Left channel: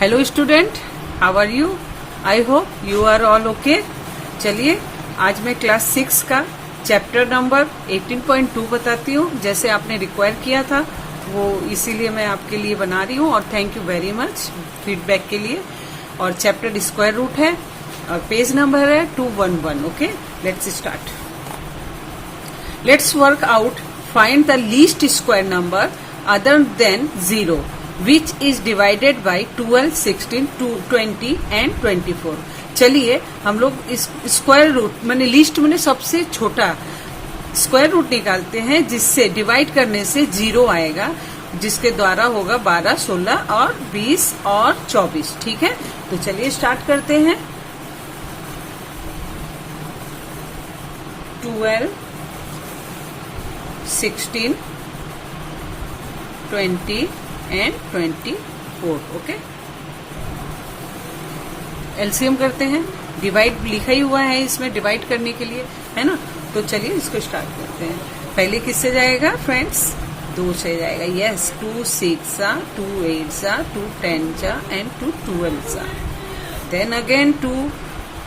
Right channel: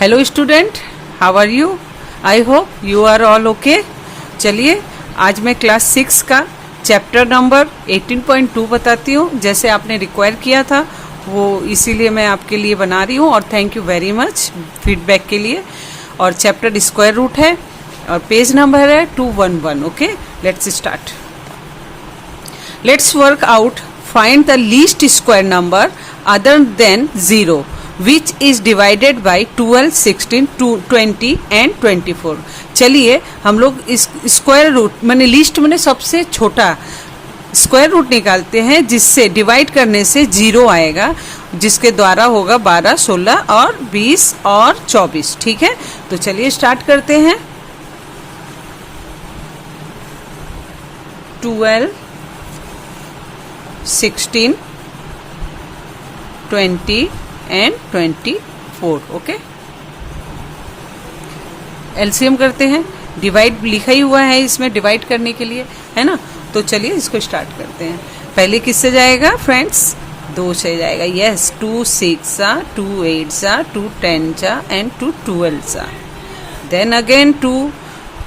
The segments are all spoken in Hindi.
Hello student, how are you? I hope you are all okay. चलिए आज मैं क्लास 6 का चैप्टर नंबर 18.2 बताती हूँ। जैसे आपने रिक्वायर किया था वो इसीलिए मैं आपके लिए बना रही हूँ और thank you very much feedback के लिए। और चैप्टर स्क्वायर रूट है और पेज नंबर है 211। Okay, let's start. Let's work out find the least square number other than 0 which is divided by 12, 16, 20 and 24। चलिए हम लोग इस स्क्वायर रूट मैंने लीस्ट मैंने सबसे छोटा स्क्वायर रूट निकालते हैं जिससे डिवाइड करने से 0 आएगा, जिसके द्वारा होगा 12, 16 और 20 और 24। ठीक है, तो चलिए स्टार्ट करते हैं। 12, 16, 20 एंड 24। ओके, एलसीएम करते हैं। डिवाइड लिखा ही हुआ है इसमें डिवाइड करने के लिए, है ना। तो चलिए इसको स्टार्ट करते हैं। पहले किससे जाएगा फ्रेंड्स? 2 से जाएगा। Yes, 2 6 2 8 2 10 and 2 12। Then again 2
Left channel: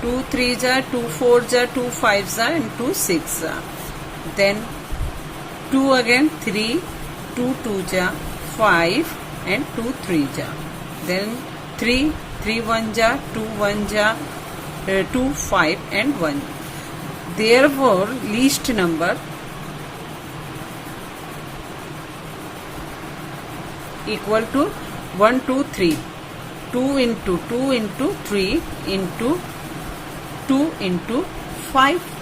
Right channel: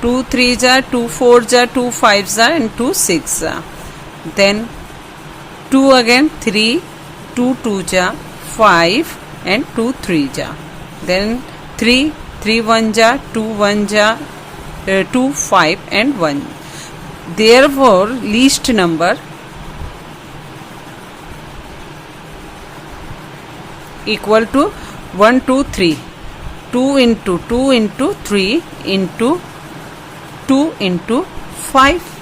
2 3 2 4 2 5 and 2 6। Then 2 again 3 2 2 5 and 2 3 then 3 1 2 1 2 5 and 1। therefore least number equal to 1 2 3 2 into 2 into 3 into 2 into 5।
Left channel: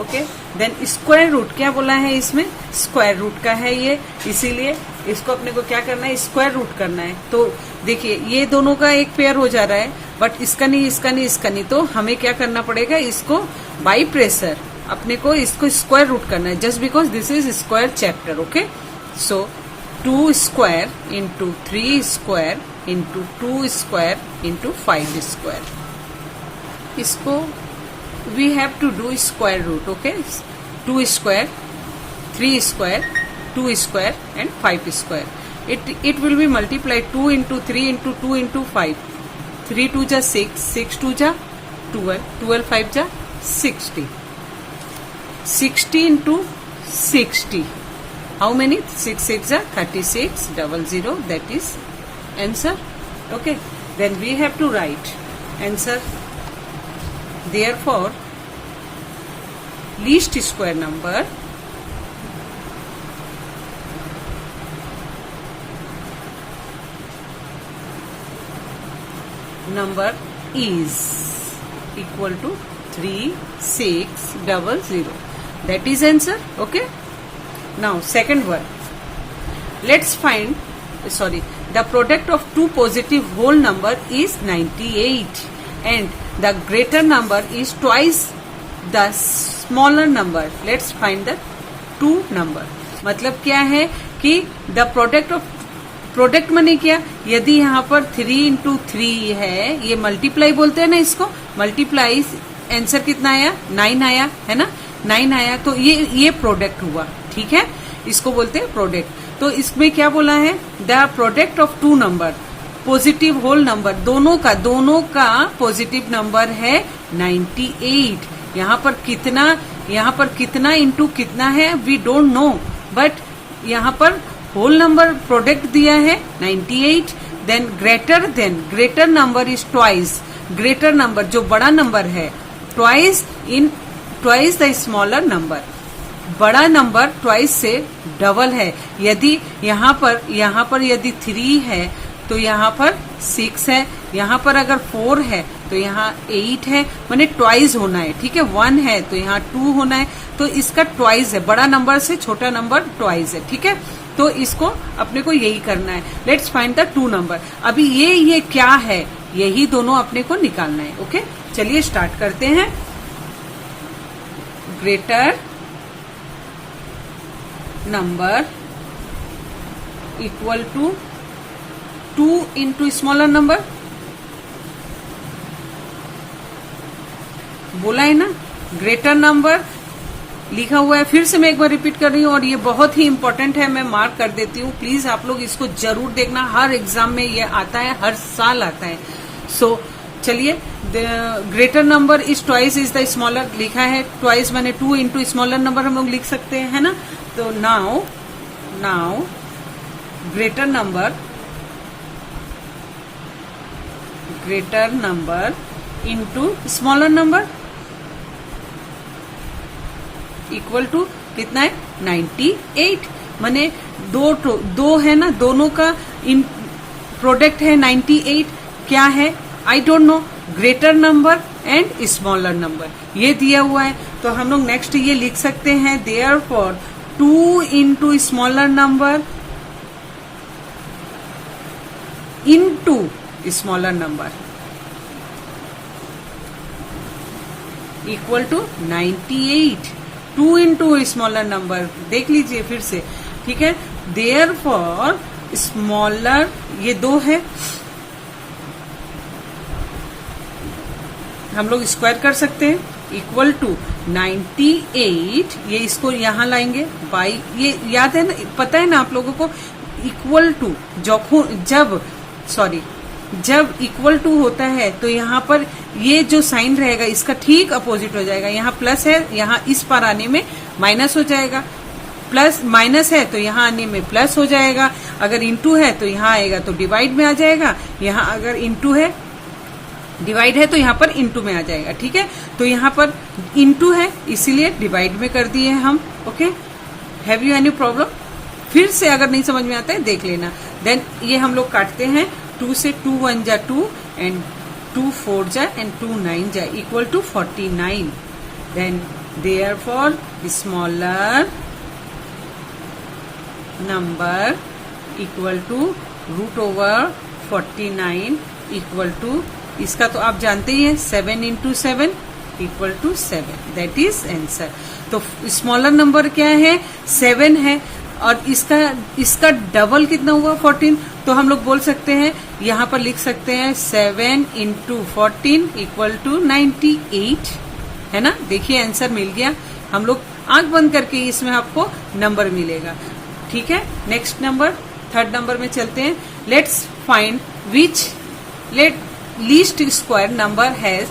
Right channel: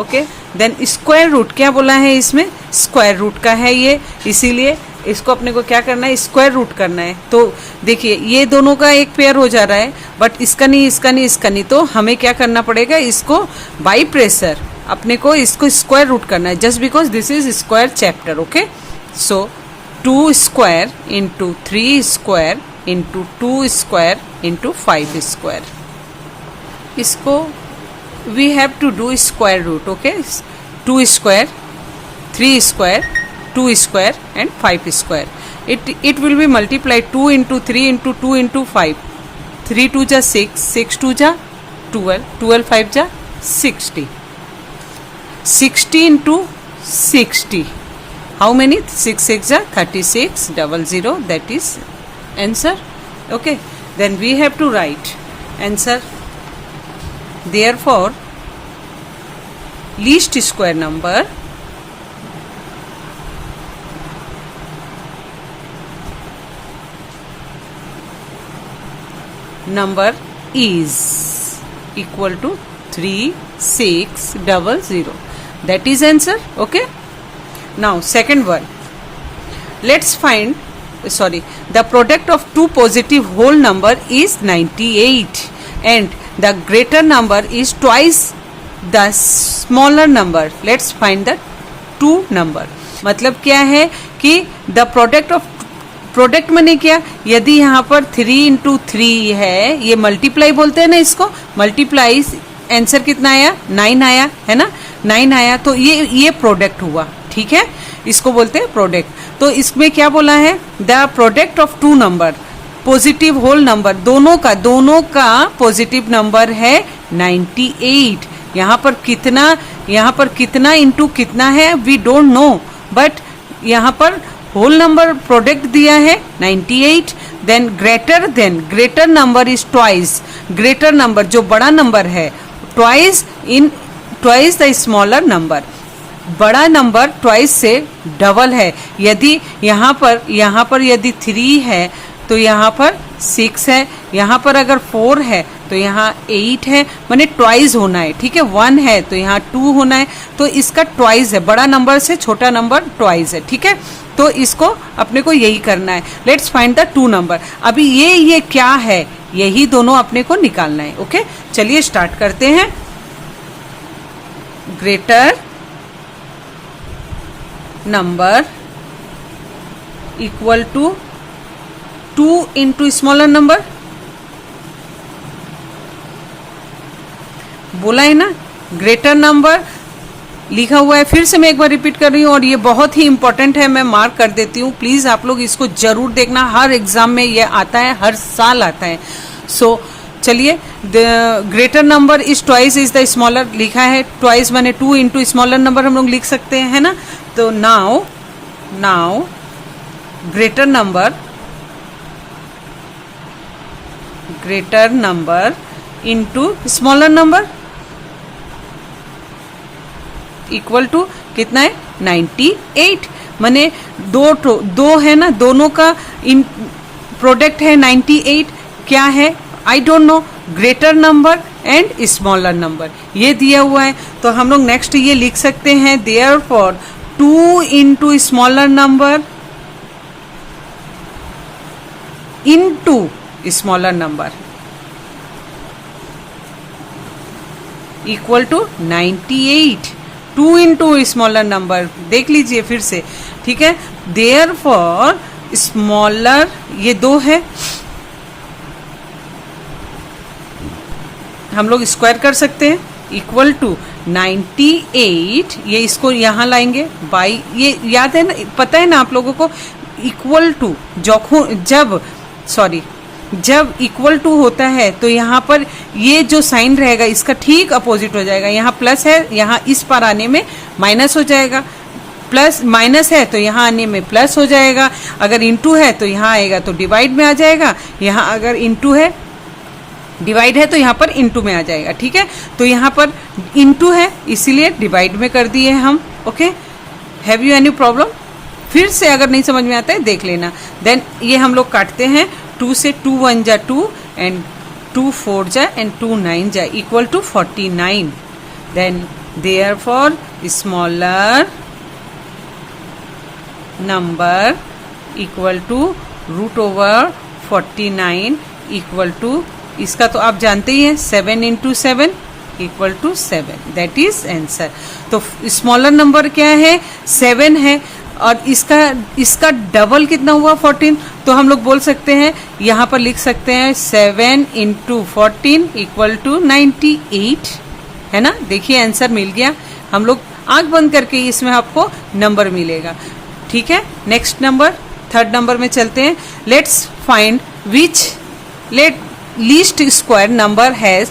Okay, then square root क्या बोला है इसमें? स्क्वायर रूट का है ये, इसीलिए इसको अपने को क्या करना है? स्क्वायर रूट करना है। तो देखिए ये दोनों का एक पेयर हो जा रहा है, बट इसका नहीं इसका नहीं इसका नहीं, तो हमें क्या करना पड़ेगा? इसको बाई प्रेशर अपने को इसको स्क्वायर रूट करना है, just because this is square chapter. Okay, so 2 square into 3 square into 2 square into 5 square. इसको we have to do square root। okay, 2 square 3 square 2 square and 5 square। it will be multiplied 2 into 3 into 2 into 5। 3 2 जा 6 6 2 जा 12 12 5 जा 60 60 into 60 how many? 6 6 जा 36 00, that is answer। okay, then we have to write answer। therefore least square number is equal to 3600। that is answer। okay, now second one, let's find the product of two positive whole number is 98 and the greater number is twice the smaller number। let's find the two number। मतलब क्या है कि the product of प्रोडक्ट मैंने क्या, यदि यहाँ पर 3 into 3 है, ये मल्टीप्लाई बोलते हैं ना इसको, मल्टीप्लाई आंसर कितना आया? 9 आया, है ना, 9 आया, तो ये प्रोडक्ट हुआ। ठीक है, इसको बोलते हैं प्रोडक्ट। तो इसमें क्या बोला है? The product of two number positive whole number, दोनों का पॉजिटिव नंबर है 98। यहाँ पर कितना इंटू कितना है वी डोंट नो, बट यहाँ पर होल नंबर प्रोडक्ट दिया है 98। Then greater number is twice, greater number जो बड़ा नंबर है, ट्वाइस द स्मॉलर नंबर, बड़ा नंबर ट्वाइस से डबल है। यदि यहाँ पर यदि 3 है तो यहाँ पर 6 है, यहाँ पर अगर 4 है तो यहाँ 8 है, माने ट्वाइस होना है। ठीक है, 1 है तो यहाँ 2 होना है, तो इसका ट्वाइस है, बड़ा नंबर से छोटा नंबर ट्वाइस है। ठीक है, तो इसको अपने को यही करना है। Let's find the two number. अभी ये क्या है? यही दोनों अपने को निकालना है। ओके, चलिए स्टार्ट करते हैं। Greater number equal to 2 into smaller number, बोला है ना। ग्रेटर नंबर लिखा हुआ है, फिर से मैं एक बार रिपीट कर रही हूँ और ये बहुत ही इंपॉर्टेंट है, मैं मार्क कर देती हूँ। प्लीज आप लोग इसको जरूर देखना, हर एग्जाम में ये आता है, हर साल आता है। सो चलिए, the greater number is twice is the smaller, लिखा है ट्वाइस माने 2 इंटू स्मॉलर नंबर हम लोग लिख सकते हैं, है ना। तो now greater number into smaller number equal to कितना है 98, माने दो है ना, दोनों का इन प्रोडक्ट है 98। क्या है आई don't no, greater number and smaller number ये दिया हुआ है। तो हम लोग नेक्स्ट ये लिख सकते हैं, therefore 2 into smaller number into smaller number equal to 98। 2 into smaller number, देख लीजिए फिर से, ठीक है। देयरफॉर स्मॉलर, ये 2 है, हम लोग स्क्वायर कर सकते हैं, इक्वल टू 98, ये इसको यहां लाएंगे बाई, ये याद है ना, पता है ना आप लोगों को, इक्वल टू जब इक्वल टू होता है तो यहाँ पर ये जो साइन रहेगा इसका ठीक अपोजिट हो जाएगा। यहाँ प्लस है, यहाँ इस पर आने में माइनस हो जाएगा, प्लस माइनस है तो यहाँ आने में प्लस हो जाएगा, अगर इंटू है तो यहाँ आएगा तो डिवाइड में आ जाएगा, यहाँ अगर इंटू है डिवाइड है तो यहाँ पर इंटू में आ जाएगा, ठीक है। तो यहाँ पर इंटू है इसीलिए डिवाइड में कर दिए हम, okay. Have you any problem? फिर से अगर नहीं समझ में आता है देख लेना। देन ये हम लोग काटते हैं, 2 से 2 1 जा 2 एंड 2 4 जा एंड 2 9 जा equal to 49। Then therefore smaller number equal to root over 49 equal to, इसका तो आप जानते ही हैं 7 into 7 equal to 7, that is answer. तो स्मॉलर नंबर क्या है 7 है और इसका डबल कितना हुआ 14, तो हम लोग बोल सकते हैं यहाँ पर लिख सकते हैं 7 इंटू 14 इक्वल टू 98, है ना। देखिए आंसर मिल गया, हम लोग आंख बंद करके इसमें आपको नंबर मिलेगा, ठीक है। नेक्स्ट नंबर, थर्ड नंबर में चलते हैं। Let's find which least square number has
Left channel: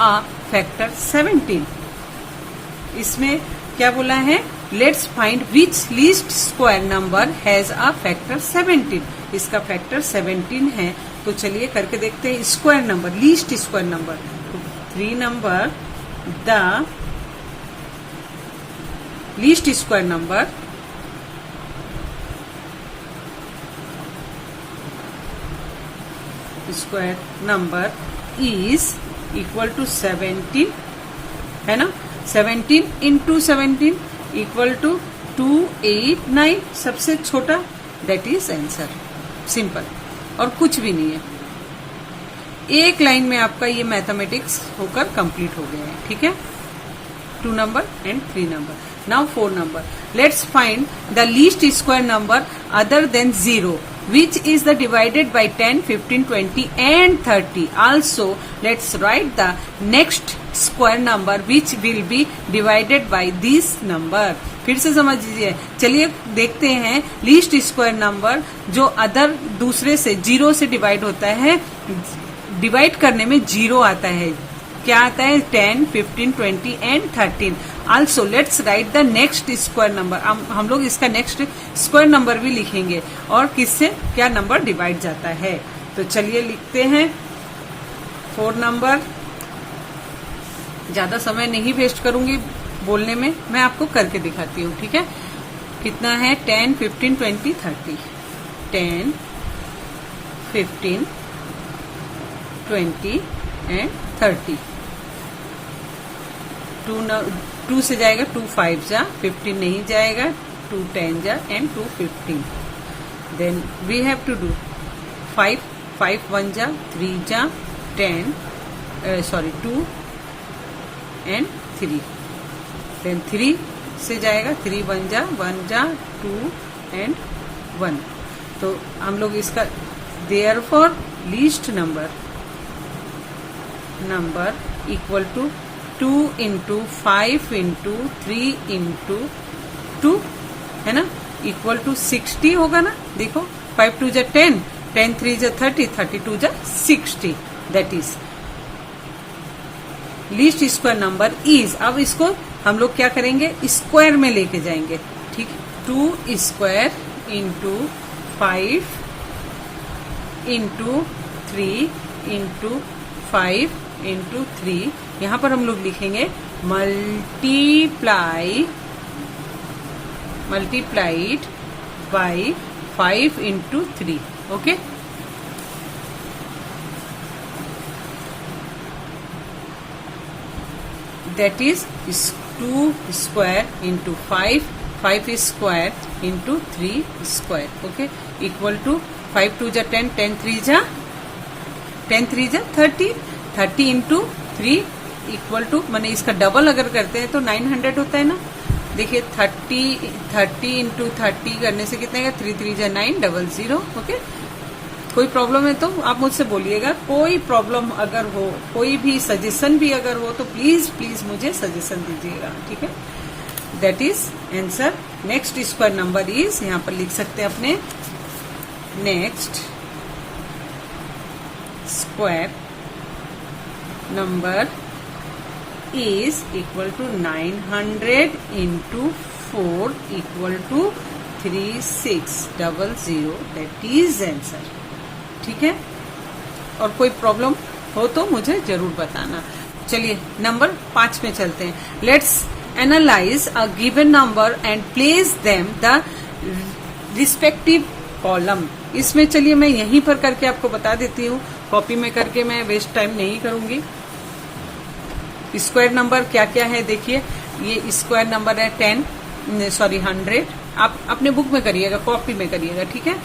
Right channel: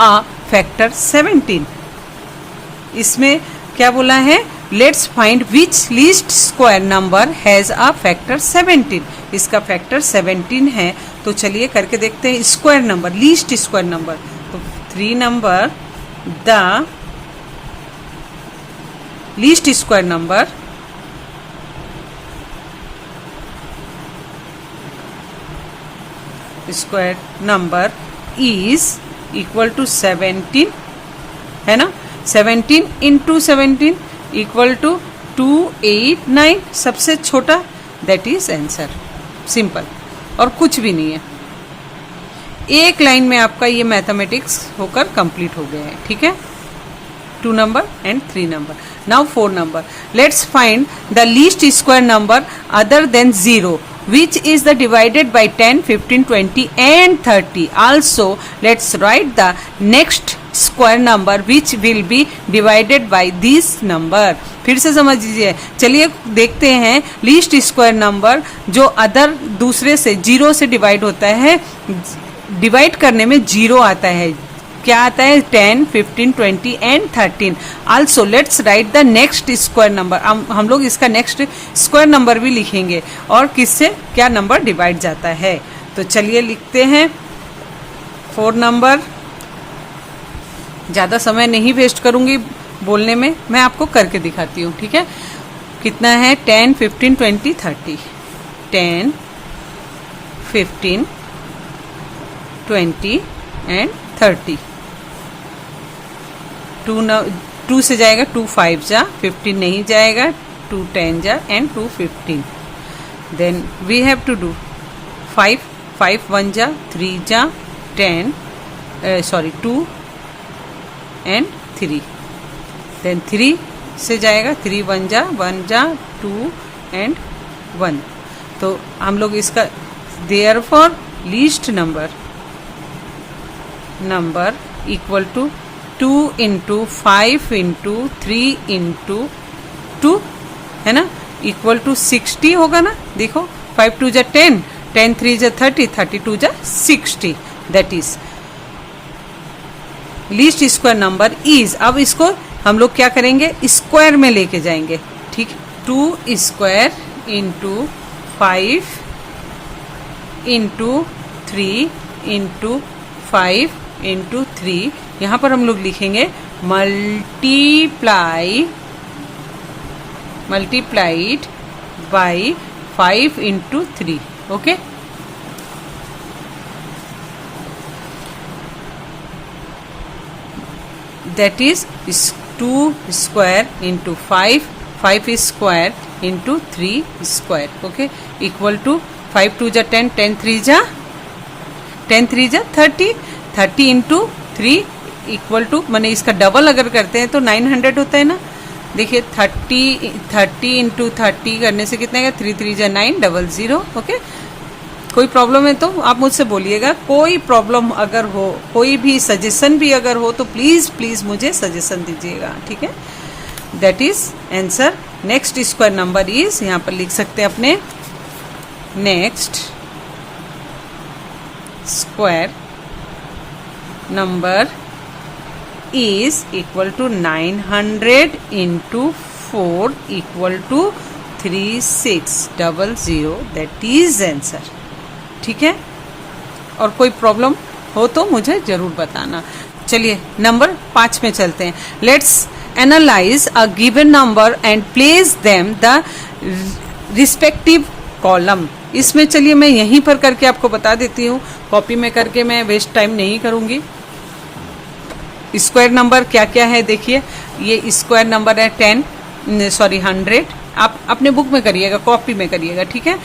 a factor 17। इसमें क्या बोला है, let's find which least square number has a factor 17। इसका फैक्टर 17 है, तो चलिए करके देखते हैं। Square number, least square number, तो 3 number the least square number is equal to 17, है ना। 17 इंटू 17 इक्वल टू 289, सबसे छोटा, दैट इज आंसर। सिंपल, और कुछ भी नहीं है। एक लाइन में आपका ये मैथमेटिक्स होकर कंप्लीट हो गया है, ठीक है। 2 number and 3 number. Now 4 number, let's find the least square number other than 0 which is the divided by 10, 15, 20 and 30. Also, let's write the next square number which will be divided by this number. फिर से समझ लीजिए, चलिए देखते हैं लीस्ट स्क्वायर नंबर जो अदर दूसरे से 0 से डिवाइड होता है, डिवाइड करने में 0 आता है, क्या आता है 10, 15, 20 and 13. Also let's write the next square number. हम लोग इसका नेक्स्ट स्क्वायर नंबर भी लिखेंगे और किससे क्या नंबर डिवाइड जाता है. तो चलिए लिखते हैं 4 नंबर. ज़्यादा समय नहीं वेस्ट करूंगी बोलने में, मैं आपको करके दिखाती हूँ. ठीक है, कितना है 10, 15, 20, 30. 10, 15, 20 एंड 30. 2 से जाएगा 2 5 जा, 15 नहीं जाएगा, 2 10 जा and 2 15. Then we have to do 5 5 1 जा, 3 जा, 10 2 एंड 3. देन 3 से जाएगा 3 1 जा, 2 एंड 1. तो हम लोग इसका therefore least number equal to 2 into 5 into 3 into 2 है ना, इक्वल टू 60 होगा ना। देखो 5 2 जा 10, 10 3 जा 30, 32 जा 60, that is least square number is. अब इसको हम लोग क्या करेंगे, स्क्वायर में लेके जाएंगे, ठीक है। 2 square into 5 into 3 into 5 into 3, यहां पर हम लोग लिखेंगे multiplied by 5 into 3, okay. That is 2 square into 5 square into 3 square, okay, equal to 5 2 जा 10, 10 3 जा 30, 30 इंटू 3 इक्वल टू, मैंने इसका डबल अगर करते हैं तो 900 होता है ना। देखिए 30 इंटू 30 करने से कितना है, 3 3 जा 9, 00, ओके। कोई प्रॉब्लम है तो आप मुझसे बोलिएगा, कोई प्रॉब्लम अगर हो, कोई भी सजेशन भी अगर हो तो प्लीज प्लीज मुझे सजेशन दीजिएगा, ठीक है। That is answer. Next square number is, यहां पर लिख सकते हैं अपने, next square number is equal to 900 into 4 equal to 3600, that is answer, ठीक है। और कोई प्रॉब्लम हो तो मुझे जरूर बताना। चलिए नंबर 5 में चलते हैं। Let's analyse a given number and place them the respective column. इसमें चलिए मैं यहीं पर करके आपको बता देती हूँ, कॉपी में करके मैं वेस्ट टाइम नहीं करूंगी। स्क्वायर नंबर क्या क्या है देखिए, ये स्क्वायर नंबर है 100। आप अपने बुक में करिएगा, कॉपी में करिएगा, ठीक है।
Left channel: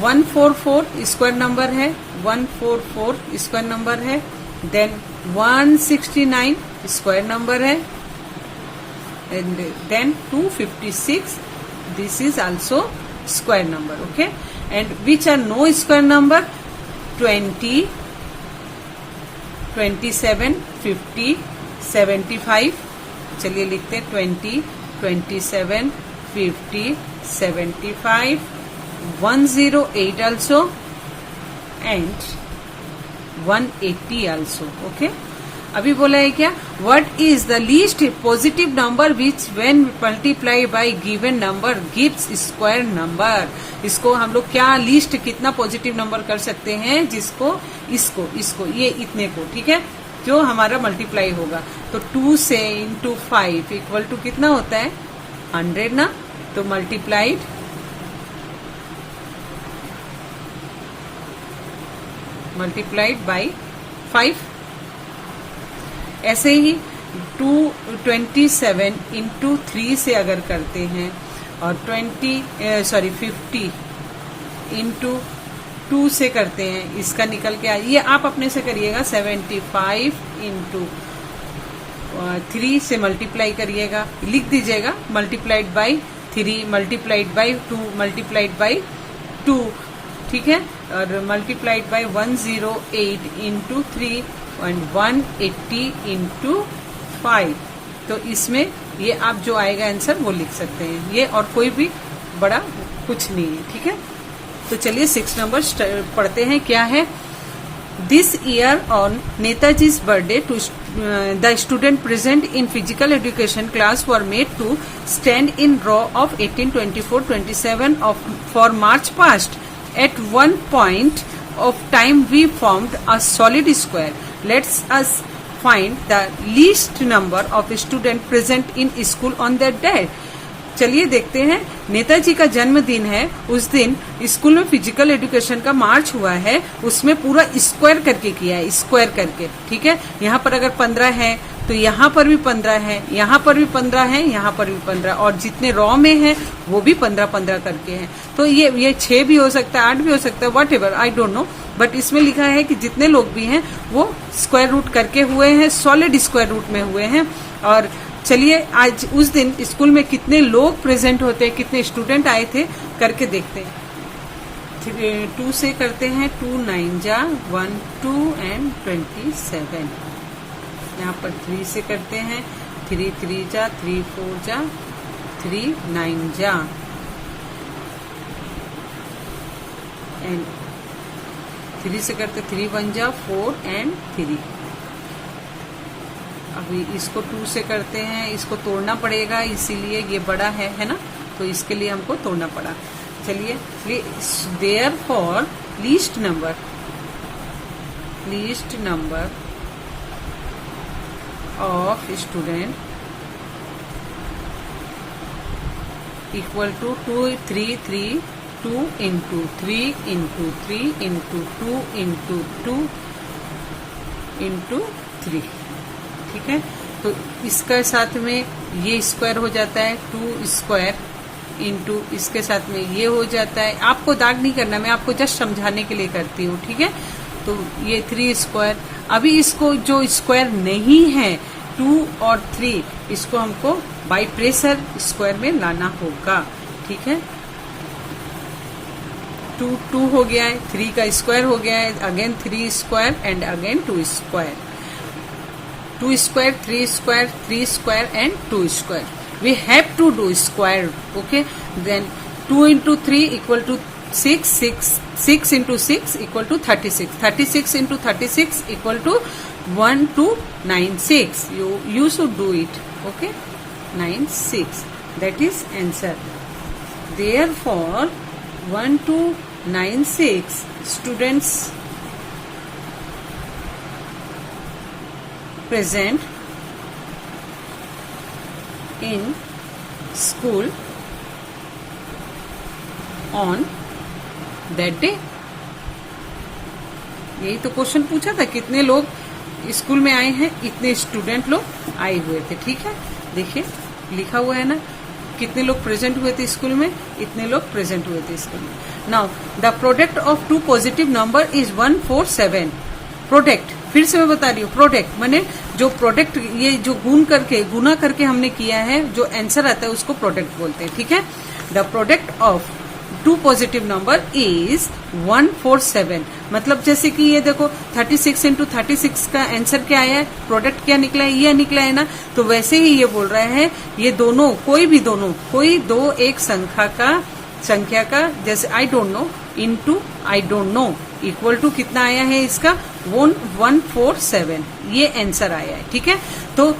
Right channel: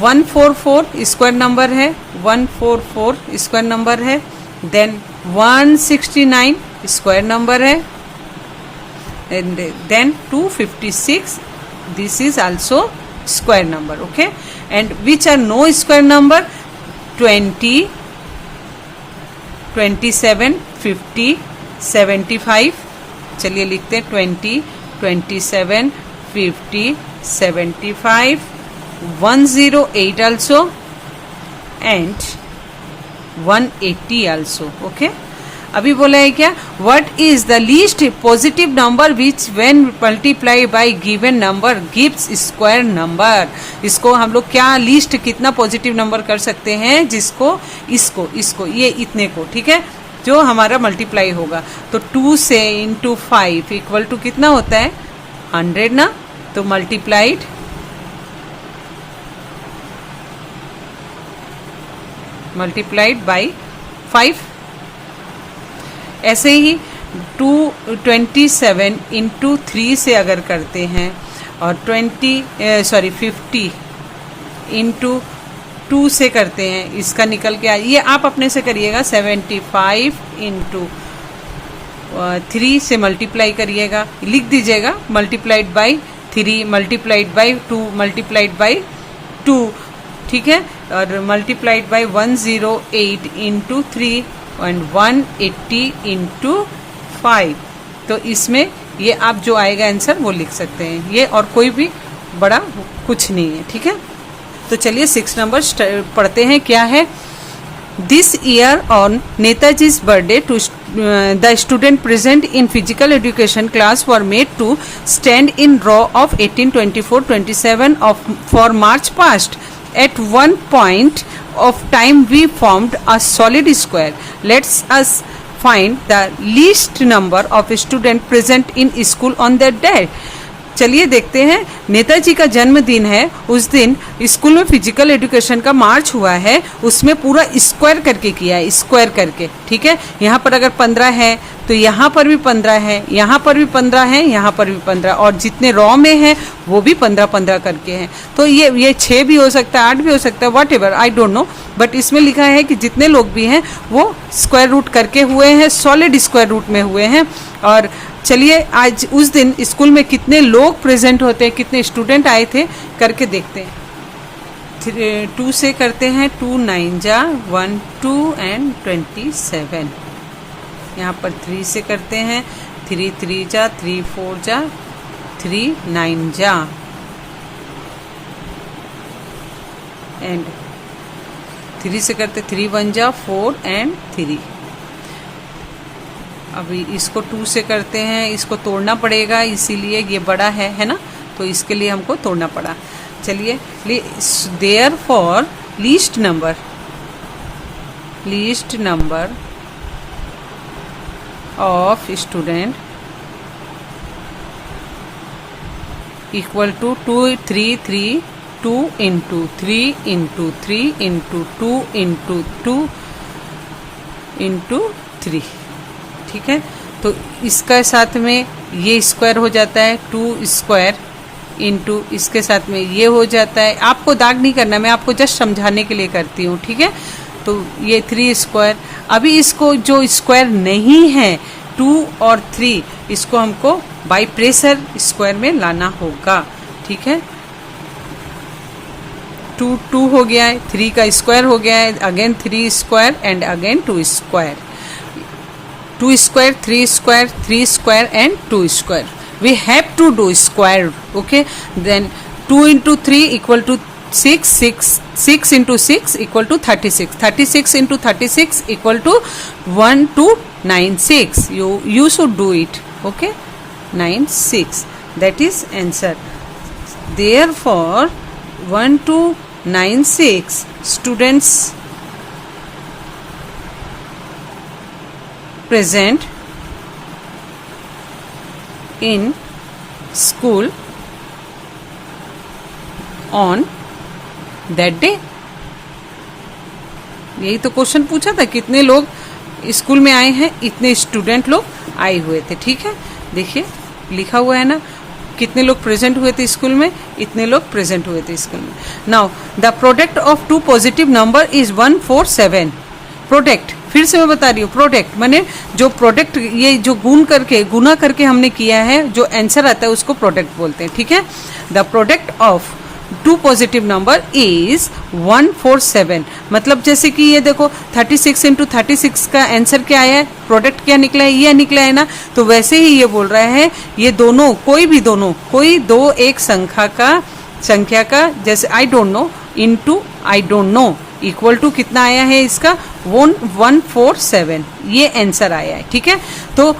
144 स्क्वायर नंबर है, 144 स्क्वायर नंबर है। देन 169 स्क्वायर नंबर है, and then 256, this is also square number, okay. And which are no square number, 20, 27, 50, 75। चलिए लिखते हैं 20, 27, 50, 75, 108 also and 180 also, okay। अभी बोला है क्या, what is the least positive number which when multiply by given number gives square number. इसको हम लोग क्या लीस्ट कितना पॉजिटिव नंबर कर सकते हैं, जिसको इसको ये इतने को, ठीक है, जो हमारा मल्टीप्लाई होगा। तो 2 से इंटू 5 इक्वल टू कितना होता है, 100 ना। तो मल्टीप्लाइड बाई 5। ऐसे ही 27 इंटू 3 से अगर करते हैं, और 50 इंटू 2 से करते हैं, इसका निकल के ये आप अपने से करिएगा। 75 इंटू 3 से मल्टीप्लाई करिएगा, लिख दीजिएगा multiplied by 3 multiplied by 2 multiplied by 2, ठीक है। और multiplied by 108 into 3 and 180 into 5। तो इसमें ये आप जो आएगा आंसर वो लिख सकते हैं, ये और कोई भी बड़ा कुछ नहीं है, ठीक है। तो चलिए 6 नंबर पढ़ते हैं, क्या है। This year on Netaji's birthday to the student present in physical education class were made to stand in row of 18, 24, 27 for march past. At one point of time we formed a solid square. Let's us find the least number of students present in school on that day. चलिए देखते हैं, नेताजी का जन्मदिन है, उस दिन स्कूल में फिजिकल एजुकेशन का मार्च हुआ है, उसमें पूरा स्क्वायर करके किया है, स्क्वायर करके, ठीक है। यहाँ पर अगर 15 है तो यहाँ पर भी 15 है, यहाँ पर भी 15 है, यहाँ पर भी 15, और जितने रॉ में है वो भी 15 करके हैं। तो ये 6 भी हो सकता है, 8 भी हो सकता है, what ever, I don't no, but इसमें लिखा है कि जितने लोग भी हैं वो स्क्वायर रूट करके हुए हैं, सॉलिड स्क्वायर रूट में हुए हैं। और चलिए आज उस दिन स्कूल में कितने लोग प्रेजेंट होते हैं, कितने स्टूडेंट आए थे, करके देखते हैं। 2 से करते हैं, 2 9 जा 1 2 एंड 27। यहाँ पर 3 से करते हैं, 3 3 जा, 3 4 जा, 3 9 जा, एंड 3 से करते 3 1 जा, 4 एंड 3। अभी इसको 2 से करते हैं, इसको तोड़ना पड़ेगा इसीलिए ये बड़ा है ना, तो इसके लिए हमको तोड़ना पड़ा। चलिए, therefore least number of student equal to 2 3 3 2 into 3 into 3 into 2 into 2 into 3। ठीक है, तो इसका साथ में ये स्क्वायर हो जाता है, 2 स्क्वायर इंटू इसके साथ में ये हो जाता है। आपको दाग नहीं करना, मैं आपको जस्ट समझाने के लिए करती हूँ। ठीक है, तो ये 3 स्क्वायर। अभी इसको जो स्क्वायर नहीं है 2 और 3, इसको हमको बाई प्रेशर स्क्वायर में लाना होगा। ठीक है, 2 2 हो गया है, 3 का स्क्वायर हो गया है, again 3 square and again 2 square, 2 square 3 square 3 square and 2 square. We have to do square, okay? Then 2 into 3 equal to 6, 6 into 6 equal to 36, 36 into 36 equal to 1296. You should do it, okay? 96. That is answer. Therefore, 1296 students present in school on that day। यही तो क्वेश्चन पूछा था, कितने लोग स्कूल में आए हैं, इतने स्टूडेंट लोग आए हुए थे। ठीक है, देखिए लिखा हुआ है ना, कितने लोग प्रेजेंट हुए थे स्कूल में, इतने लोग प्रेजेंट हुए थे स्कूल में। Now the product of 2 positive number is 147। Product, फिर से मैं बता रही हूँ, प्रोडक्ट माने जो प्रोडक्ट, ये जो गुना करके हमने किया है, जो आंसर आता है उसको प्रोडक्ट बोलते हैं। ठीक है, the product of 2 positive number is 147। मतलब जैसे कि ये देखो 36 इंटू 36 का आंसर क्या आया है, प्रोडक्ट क्या निकला है, ये निकला है ना। तो वैसे ही ये बोल रहा है, ये दोनों कोई दो एक संख्या का जैसे I don't know into I don't know equal to कितना आया है इसका 147, ये आंसर आया है। ठीक है, तो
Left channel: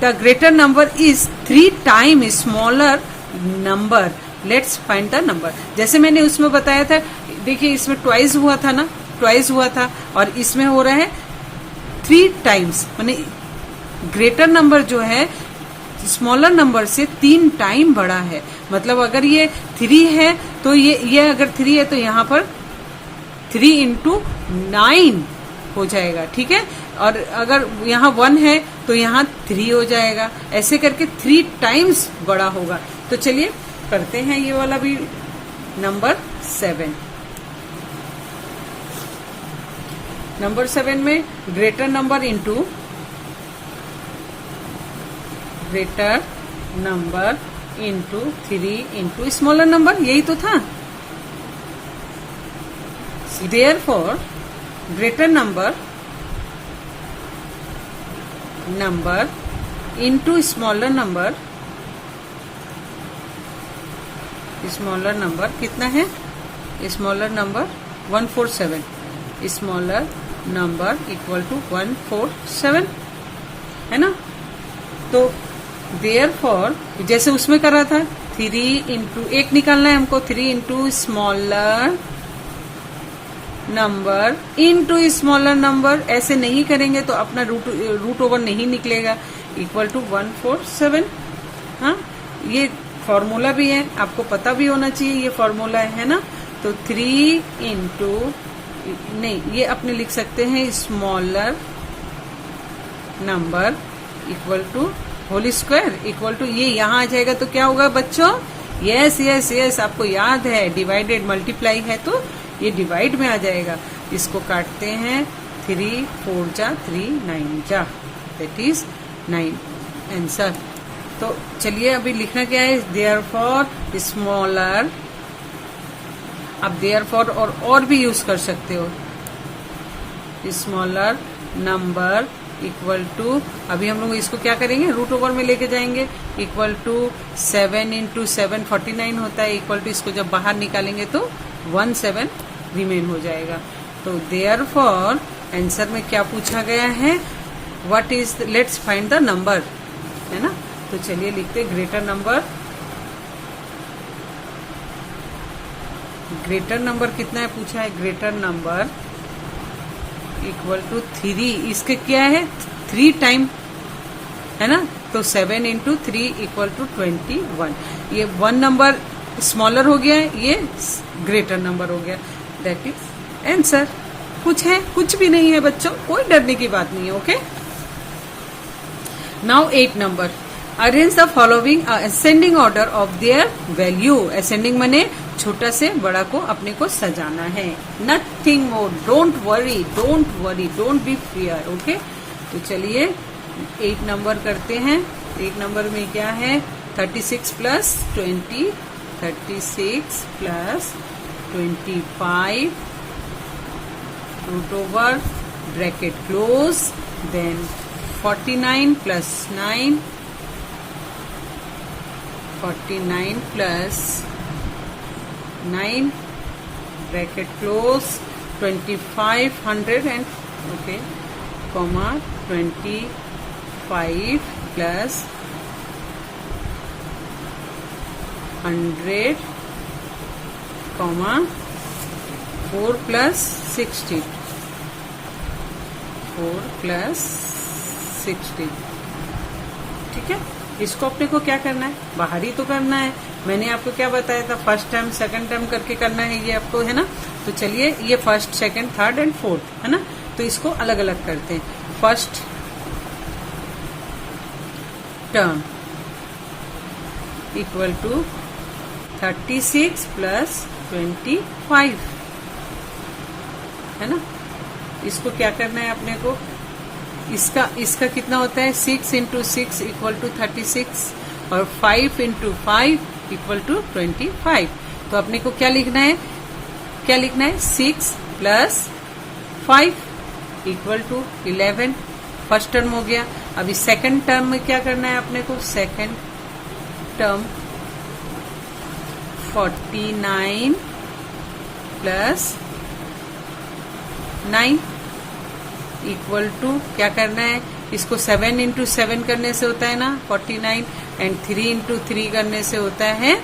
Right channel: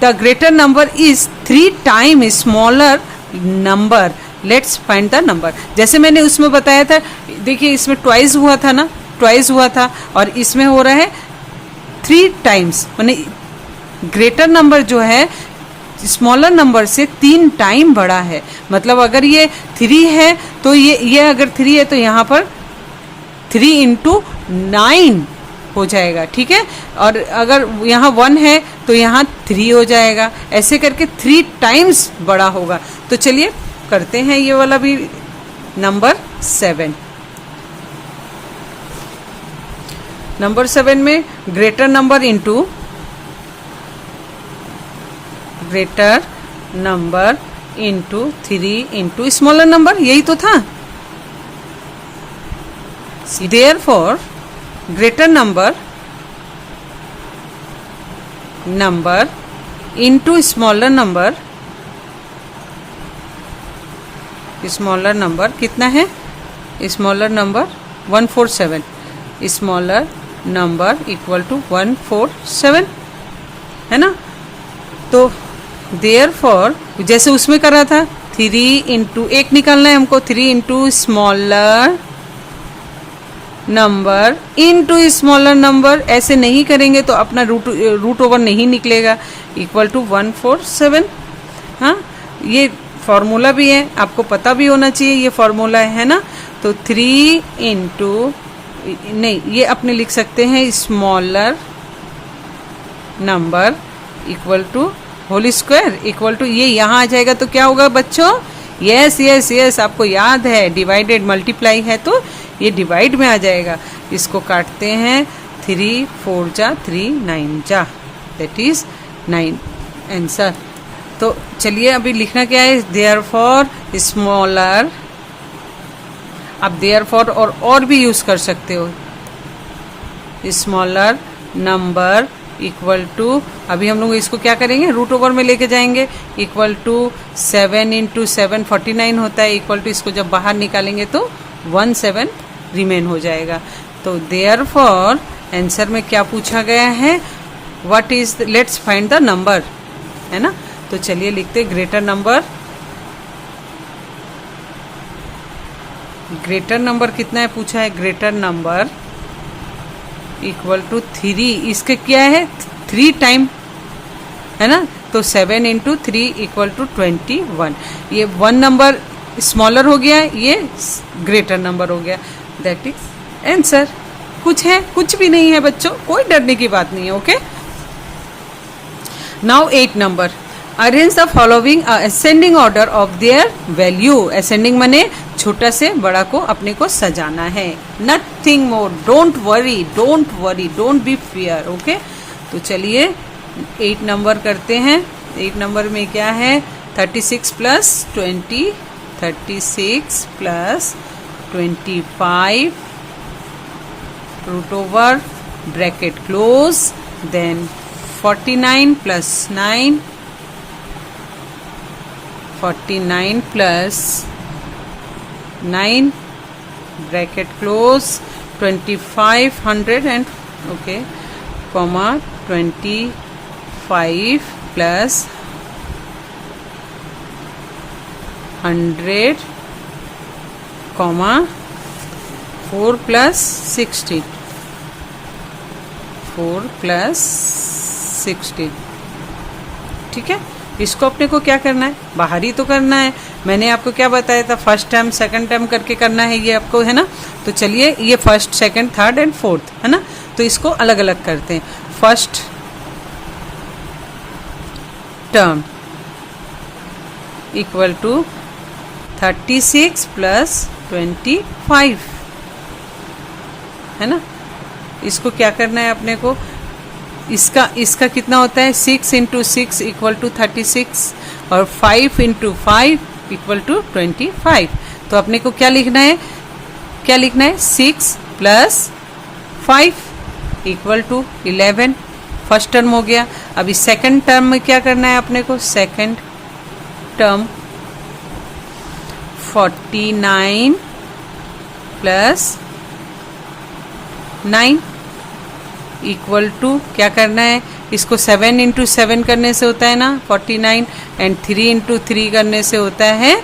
the greater number is 3 time smaller number, let's find the number. जैसे मैंने उसमें बताया था, देखिए इसमें ट्वाइस हुआ था ना, ट्वाइस हुआ था, और इसमें हो रहा है 3 टाइम्स, माने ग्रेटर नंबर जो है स्मॉलर नंबर से 3 टाइम बड़ा है। मतलब अगर ये 3 है तो ये अगर 3 है तो यहाँ पर 3 इंटू 9 हो जाएगा। ठीक है, और अगर यहाँ 1 है तो यहाँ 3 हो जाएगा, ऐसे करके 3 टाइम्स बड़ा होगा। तो चलिए करते हैं ये वाला भी, नंबर 7। नंबर 7 में greater number into greater number into 3 into smaller number, यही तो था। Therefore, greater number into smaller number कितना है, smaller number 147, smaller number equal to 147 है ना। तो therefore जैसे उसमें कर रहा था 3 इंटू 1 निकालना है हमको, 3 into smaller number into smaller number, ऐसे नहीं करेंगे तो अपना रूट ओवर नहीं निकलेगा, इक्वल टू 147। हाँ, ये फॉर्मूला भी है, आपको पता भी होना चाहिए ये फॉर्मूला है ना। तो 3 इंटू नहीं, ये अपने लिख सकते हैं smaller number equal to whole square equal to, ये यहाँ आ जाएगा तो क्या होगा बच्चों, यस यस यस, आपको याद है डिवाइडेड मल्टीप्लाई है तो ये डिवाइड में आ जाएगा। इसको काटते हैं, 3 4 जा 3 9 जा, दैट इज 9 आंसर। तो चलिए अभी लिखना क्या है, देयरफॉर स्मॉलर। आप देयरफॉर और भी यूज कर सकते हो, स्मॉलर नंबर इक्वल टू, अभी हम लोग इसको क्या करेंगे, रूट ओवर में लेके जाएंगे, इक्वल टू 7 इंटू 7 49 होता है, इक्वल टू इसको जब बाहर निकालेंगे तो 17 रिमेन हो जाएगा। तो देयरफॉर आंसर में क्या पूछा गया है, what is, let's find the number, है ना। तो चलिए लिखते ग्रेटर नंबर, ग्रेटर नंबर कितना है पूछा है, ग्रेटर नंबर इक्वल टू 3, इसके क्या है 3 टाइम, है ना। तो 7 इंटू 3 इक्वल टू 21, ये 1 नंबर स्मॉलर हो गया, ये ग्रेटर नंबर हो गया, दैट इज आंसर। कुछ है, कुछ भी नहीं है बच्चों, कोई डरने की बात नहीं है। Okay, now 8 number, arrange the following ascending order of their value. Ascending माने छोटा से बड़ा को अपने को सजाना है, nothing more, don't worry, don't worry, don't be fear. Okay, तो चलिए 8 नंबर करते हैं। 8 नंबर में क्या है, 36 plus 20, 36 plus 25 root over bracket close, then 49 plus 9, 49 plus 9 bracket close, 2500 and okay comma 25 plus 100 comma 4 plus 16, 4 plus 16, ठीक है। इसको अपने को क्या करना है, बाहर ही तो करना है। मैंने आपको क्या बताया था, फर्स्ट टर्म सेकंड टर्म करके करना है ये आपको, है ना। तो चलिए ये first second third and fourth, है ना। तो इसको अलग अलग करते हैं। First term equal to 36 plus 25, है ना। इसको क्या करना है अपने को, इसका कितना होता है, 6 इंटू 6 इक्वल टू 36 और 5 इंटू 5 इक्वल टू 25। तो अपने को क्या लिखना है, क्या लिखना है, 6 plus 5 equal to 11, first term हो गया। अभी सेकंड टर्म में क्या करना है अपने को, second term 49 plus 9 equal to क्या करना है, इसको 7 इंटू 7 करने से होता है ना 49, एंड 3 इंटू 3 करने से होता है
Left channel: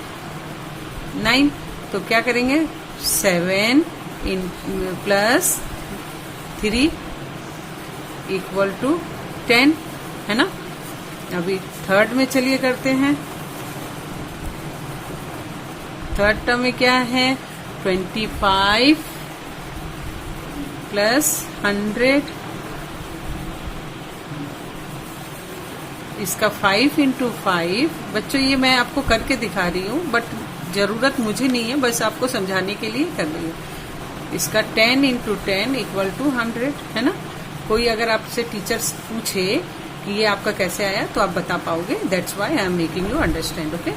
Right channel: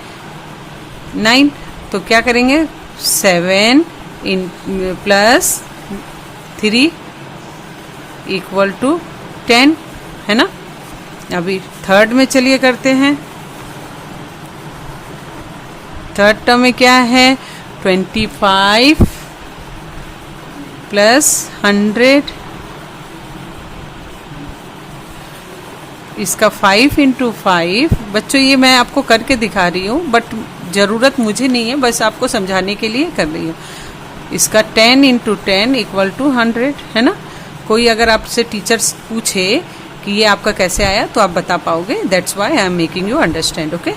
9। तो क्या करेंगे, 7 प्लस 3 इक्वल टू 10, है ना। अभी थर्ड में चलिए करते हैं। थर्ड टर्म में क्या है, 25 प्लस 100, इसका 5 इंटू 5, बच्चों ये मैं आपको करके दिखा रही हूँ, बट ज़रूरत मुझे नहीं है, बस आपको समझाने के लिए कर रही हूँ। इसका 10 इंटू 10 इक्वल टू 100, है ना। कोई अगर आपसे टीचर्स पूछे कि ये आपका कैसे आया तो आप बता पाओगे, that's why I am making you understand. Okay,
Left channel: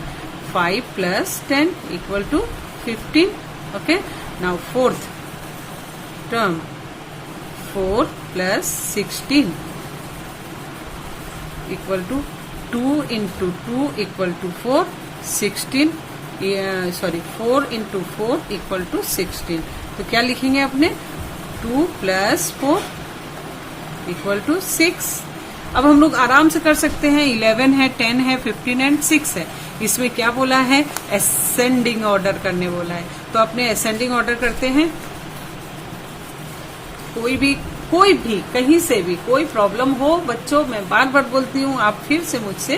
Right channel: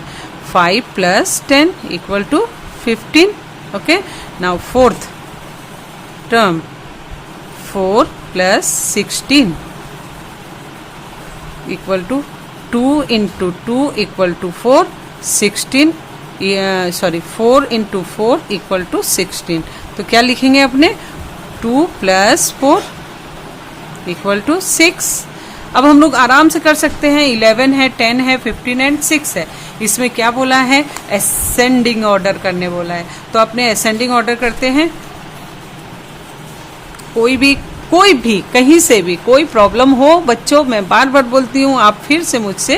5 plus 10 equal to 15। Okay, now fourth term 4 plus 16 equal to 2 into 2 equal to 4, 16 sorry 4 into 4 equal to 16। तो क्या लिखेंगे अपने, 2 प्लस 4 इक्वल टू 6। अब हम लोग आराम से कर सकते हैं, 11 है, 10 है, 15 एंड 6 है। इसमें क्या बोला है, असेंडिंग ऑर्डर करने बोला है। तो अपने असेंडिंग ऑर्डर करते हैं। कोई भी कहीं से भी कोई प्रॉब्लम हो बच्चों, मैं बार बार बोलती हूँ, आप फिर से मुझसे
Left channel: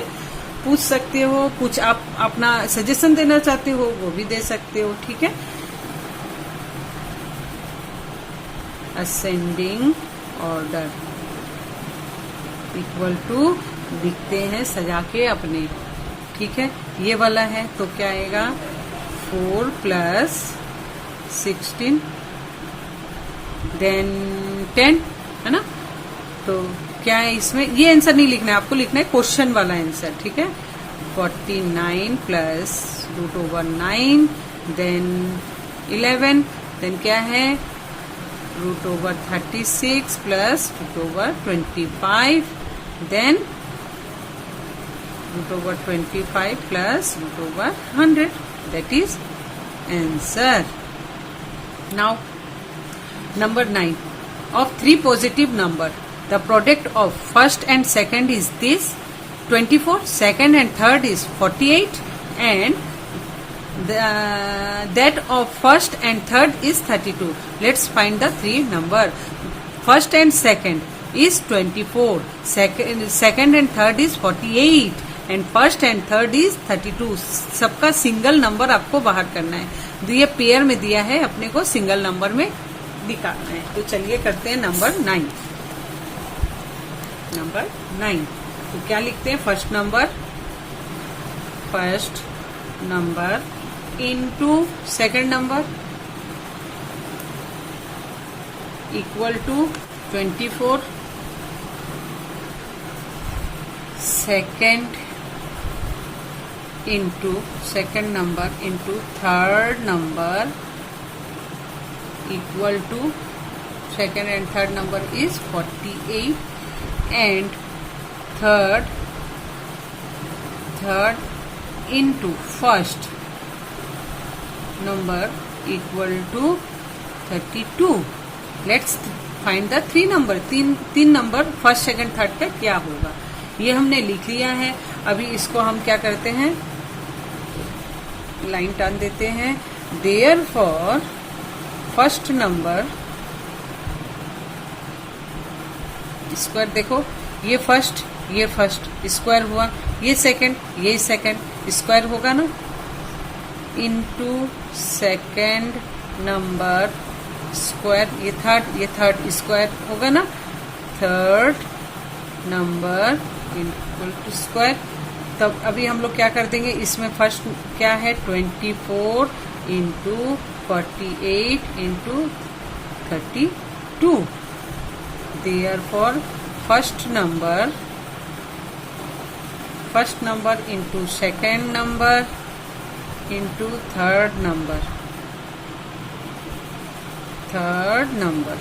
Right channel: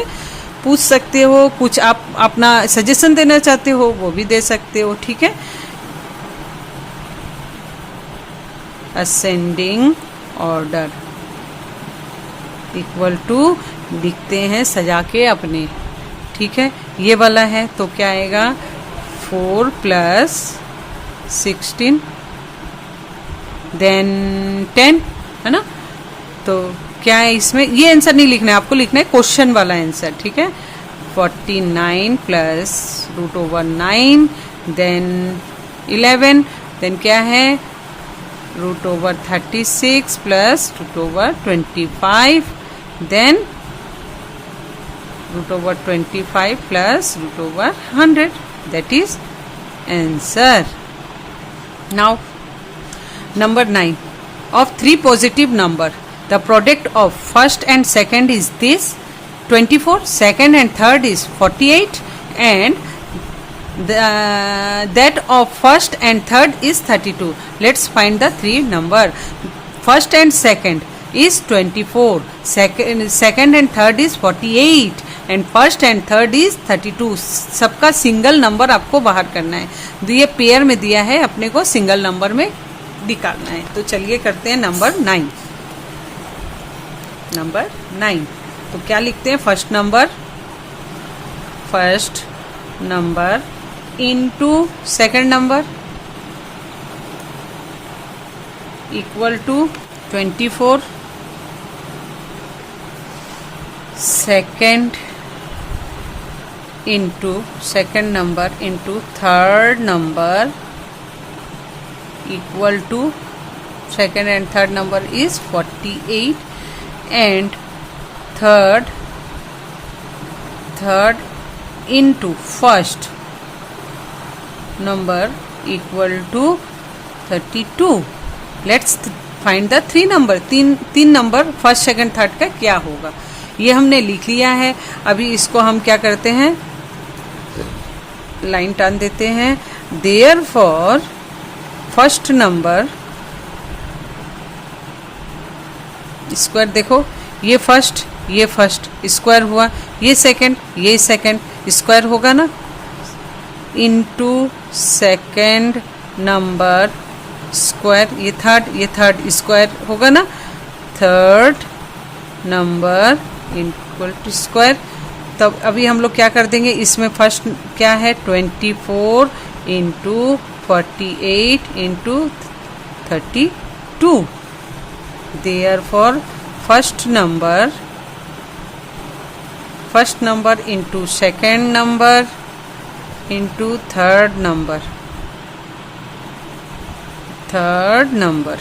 पूछ सकते हो, कुछ आप अपना सजेशन देना चाहते हो वो भी दे सकते हो, ठीक है। असेंडिंग ऑर्डर इक्वल टू लिखते हैं सजा के अपने, ठीक है। ये वाला है तो क्या आएगा, 4 प्लस 16 देन 10, है ना। तो क्या है इसमें, ये आंसर नहीं लिखना है आपको, लिखना है क्वेश्चन वाला आंसर, ठीक है। 49 प्लस √9 देन 11 देन क्या है root over 36 plus root over 25, then root over 25 plus root over 100. That is answer. Now number 9. Of three positive number, the product of first and second is this 24, second and third is 48, and that of first and third is 32. Let's find the three number. First and second is 24, second and third is 48, and first and third is 32. सबका सिंगल नंबर आपको बाहर करना है. ये पेयर में दिया है, अपने को सिंगल नंबर में निकालना है. तो चलिए करते हैं नंबर 9. नंबर 9 तो क्या लिखते हैं? First number into second number equal to 24. Second into second number into third number equal to second and third number is 48, and third into first number equal to 32. Let's find the three number. तीन नंबर फर्स्ट सेकंड थर्ड का क्या होगा, ये हमने लिख लिया है. अभी इसको हम क्या करते हैं, लाइन टान देते हैं. देयरफॉर फर्स्ट नंबर स्क्वायर, देखो ये फर्स्ट स्क्वायर हुआ, ये सेकंड स्क्वायर होगा ना, इनटू सेकंड नंबर स्क्वायर, ये थर्ड स्क्वायर होगा ना, third number equal to square. तब अभी हम लोग क्या कर देंगे, इसमें फर्स्ट क्या है 24 into 48 into 32. Therefore first number into second number into third number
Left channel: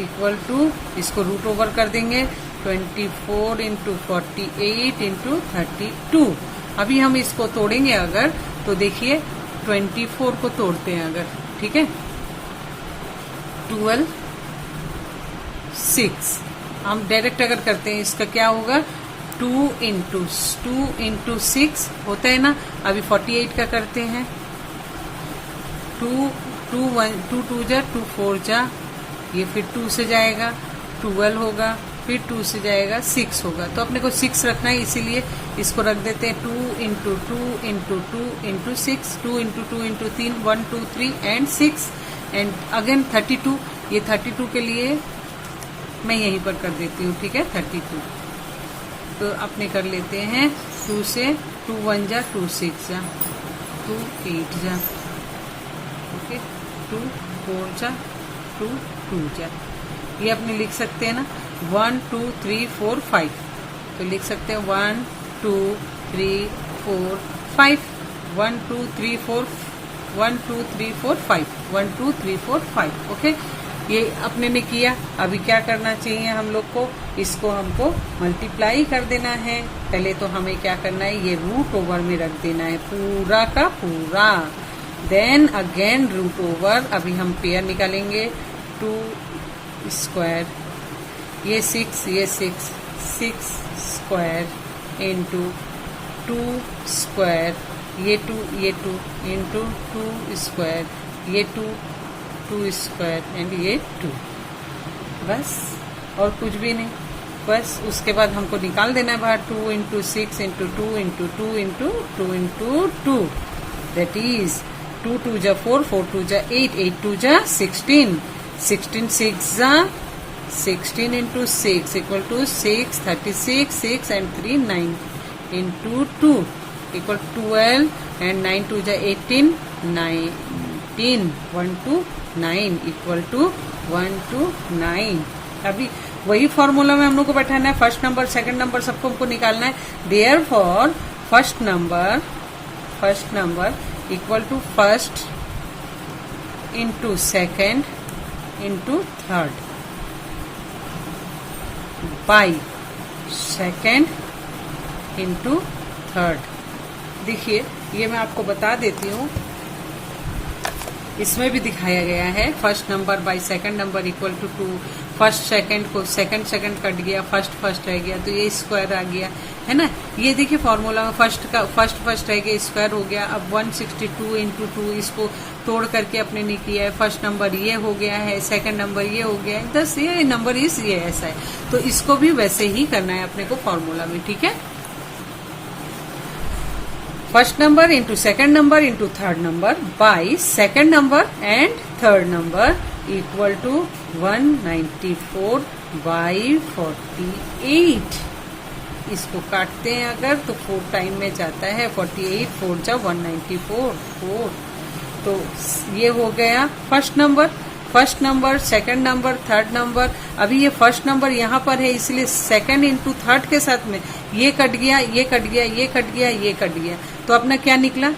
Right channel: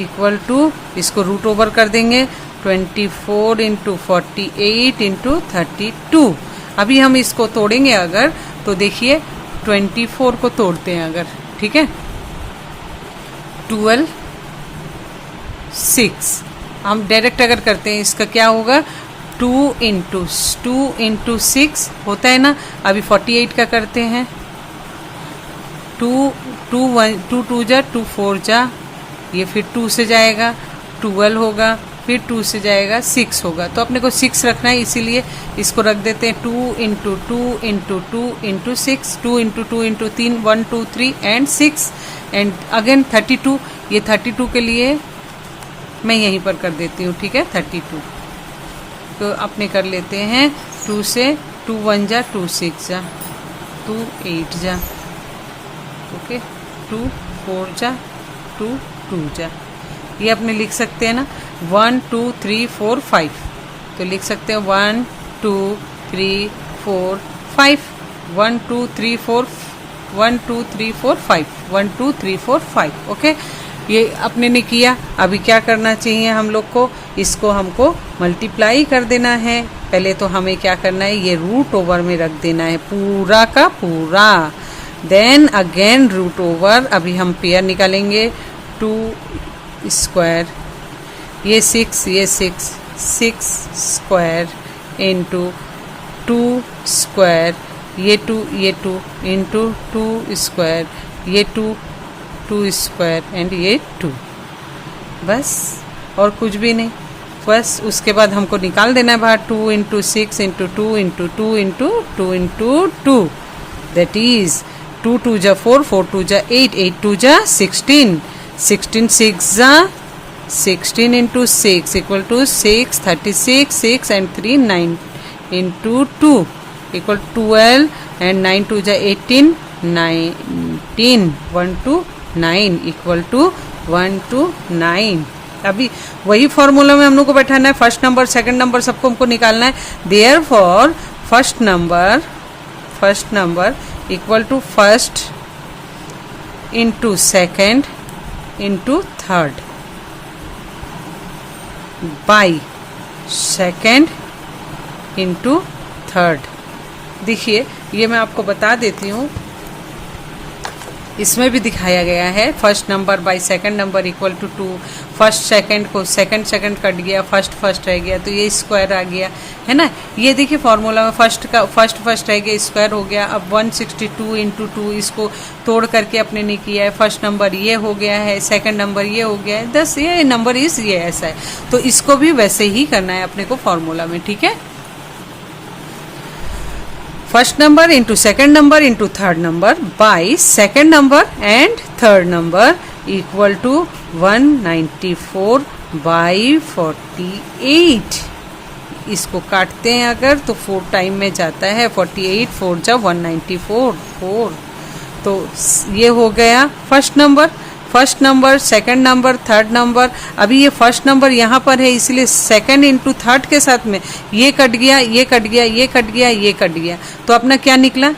equal to, इसको रूट ओवर कर देंगे 24 इंटू 48 इंटू 32. अभी हम इसको तोड़ेंगे अगर, तो देखिए 24 को तोड़ते हैं अगर, ठीक है, 12 6. हम डायरेक्ट अगर करते हैं इसका क्या होगा, 2 इंटू 6 होता है ना. अभी 48 का करते हैं, 2 2 जा 2 4 जा, ये फिर 2 से जाएगा 12 होगा, फिर 2 से जाएगा 6 होगा. तो अपने को 6 रखना है, इसीलिए इसको रख देते हैं 2 into 2 into 2 into 6, 2 into 2 into 3, 1 2 3 and 6, and again 32. ये 32 के लिए मैं यहीं पर कर देती हूँ, ठीक है, 32. तो अपने कर लेते हैं 2 से, 2 1 जा 2 6 जा, 2 8 जा, ओके, 2 4 जा 2 2 जा. ये अपने लिख सकते हैं ना 1 2 3 4 5. तो लिख सकते हैं 1 2 3 4 5, 1 2 3 4 1 2 3 4 5, 1 2 3 4 5. ओके, ये अपने ने किया. अभी क्या करना चाहिए हम लोग को, इसको हमको मल्टीप्लाई कर देना है. पहले तो हमें क्या करना है, ये रूट ओवर में रख देना है पूरा का पूरा. Then again root over. अभी हम पेयर निकालेंगे, 2 स्क्वायर, ये 6 स्क्वायर इंटू 2 स्क्वायर, ये 2 इंटू 2 स्क्वायर, ये 2 स्क्वायर एंड ये 2. बस और कुछ भी नहीं. बस उसके बाद हमको निकाल देना है बाहर 2 into 6 into 2 into 2 into 2 into 2. That is 2 2 जा 4, 4 2 जा 8, 8 2 जा 16, 16 6 जा 16 into 6 equal to 6, 36, 6 and 3 9 into 2 equal 12, and 9 2 ja 18, 19, 1 to 9 equal to 1 to 9. अभी वही फॉर्मूला में हम लोग को बैठाना है. फर्स्ट नंबर सेकंड नंबर सबको हमको निकालना है. Therefore first number equal to first into second into third by second into third। देखिए ये मैं आपको बता देती हूँ, इसमें भी दिखाया गया है first number by second number equal to 2। First second को सेकंड कट गया, फर्स्ट रह गया, तो ये स्क्वायर आ गया है ना। ये देखिए फॉर्मूला में फर्स्ट रह गया, स्क्वायर हो गया। अब 162 इंटू 2 इसको तोड़ करके अपने ने किया है। फर्स्ट नंबर ये हो गया है, सेकंड नंबर ये हो गया है, 10 ये नंबर इस ये ऐसा है। तो इसको भी वैसे ही करना है अपने को फॉर्मूला में, ठीक है। First number into second number into third number by second number and third number equal to 194 by 48। इसको काटते हैं अगर तो 4 टाइम में जाता है, 48 4 जा 194 4। तो ये हो गया first number second number third number. अभी ये फर्स्ट नंबर यहाँ पर है इसलिए सेकंड इंटू थर्ड के साथ में ये कट गया, ये कट गया, ये कट गया, ये कट गया, तो अपना क्या निकला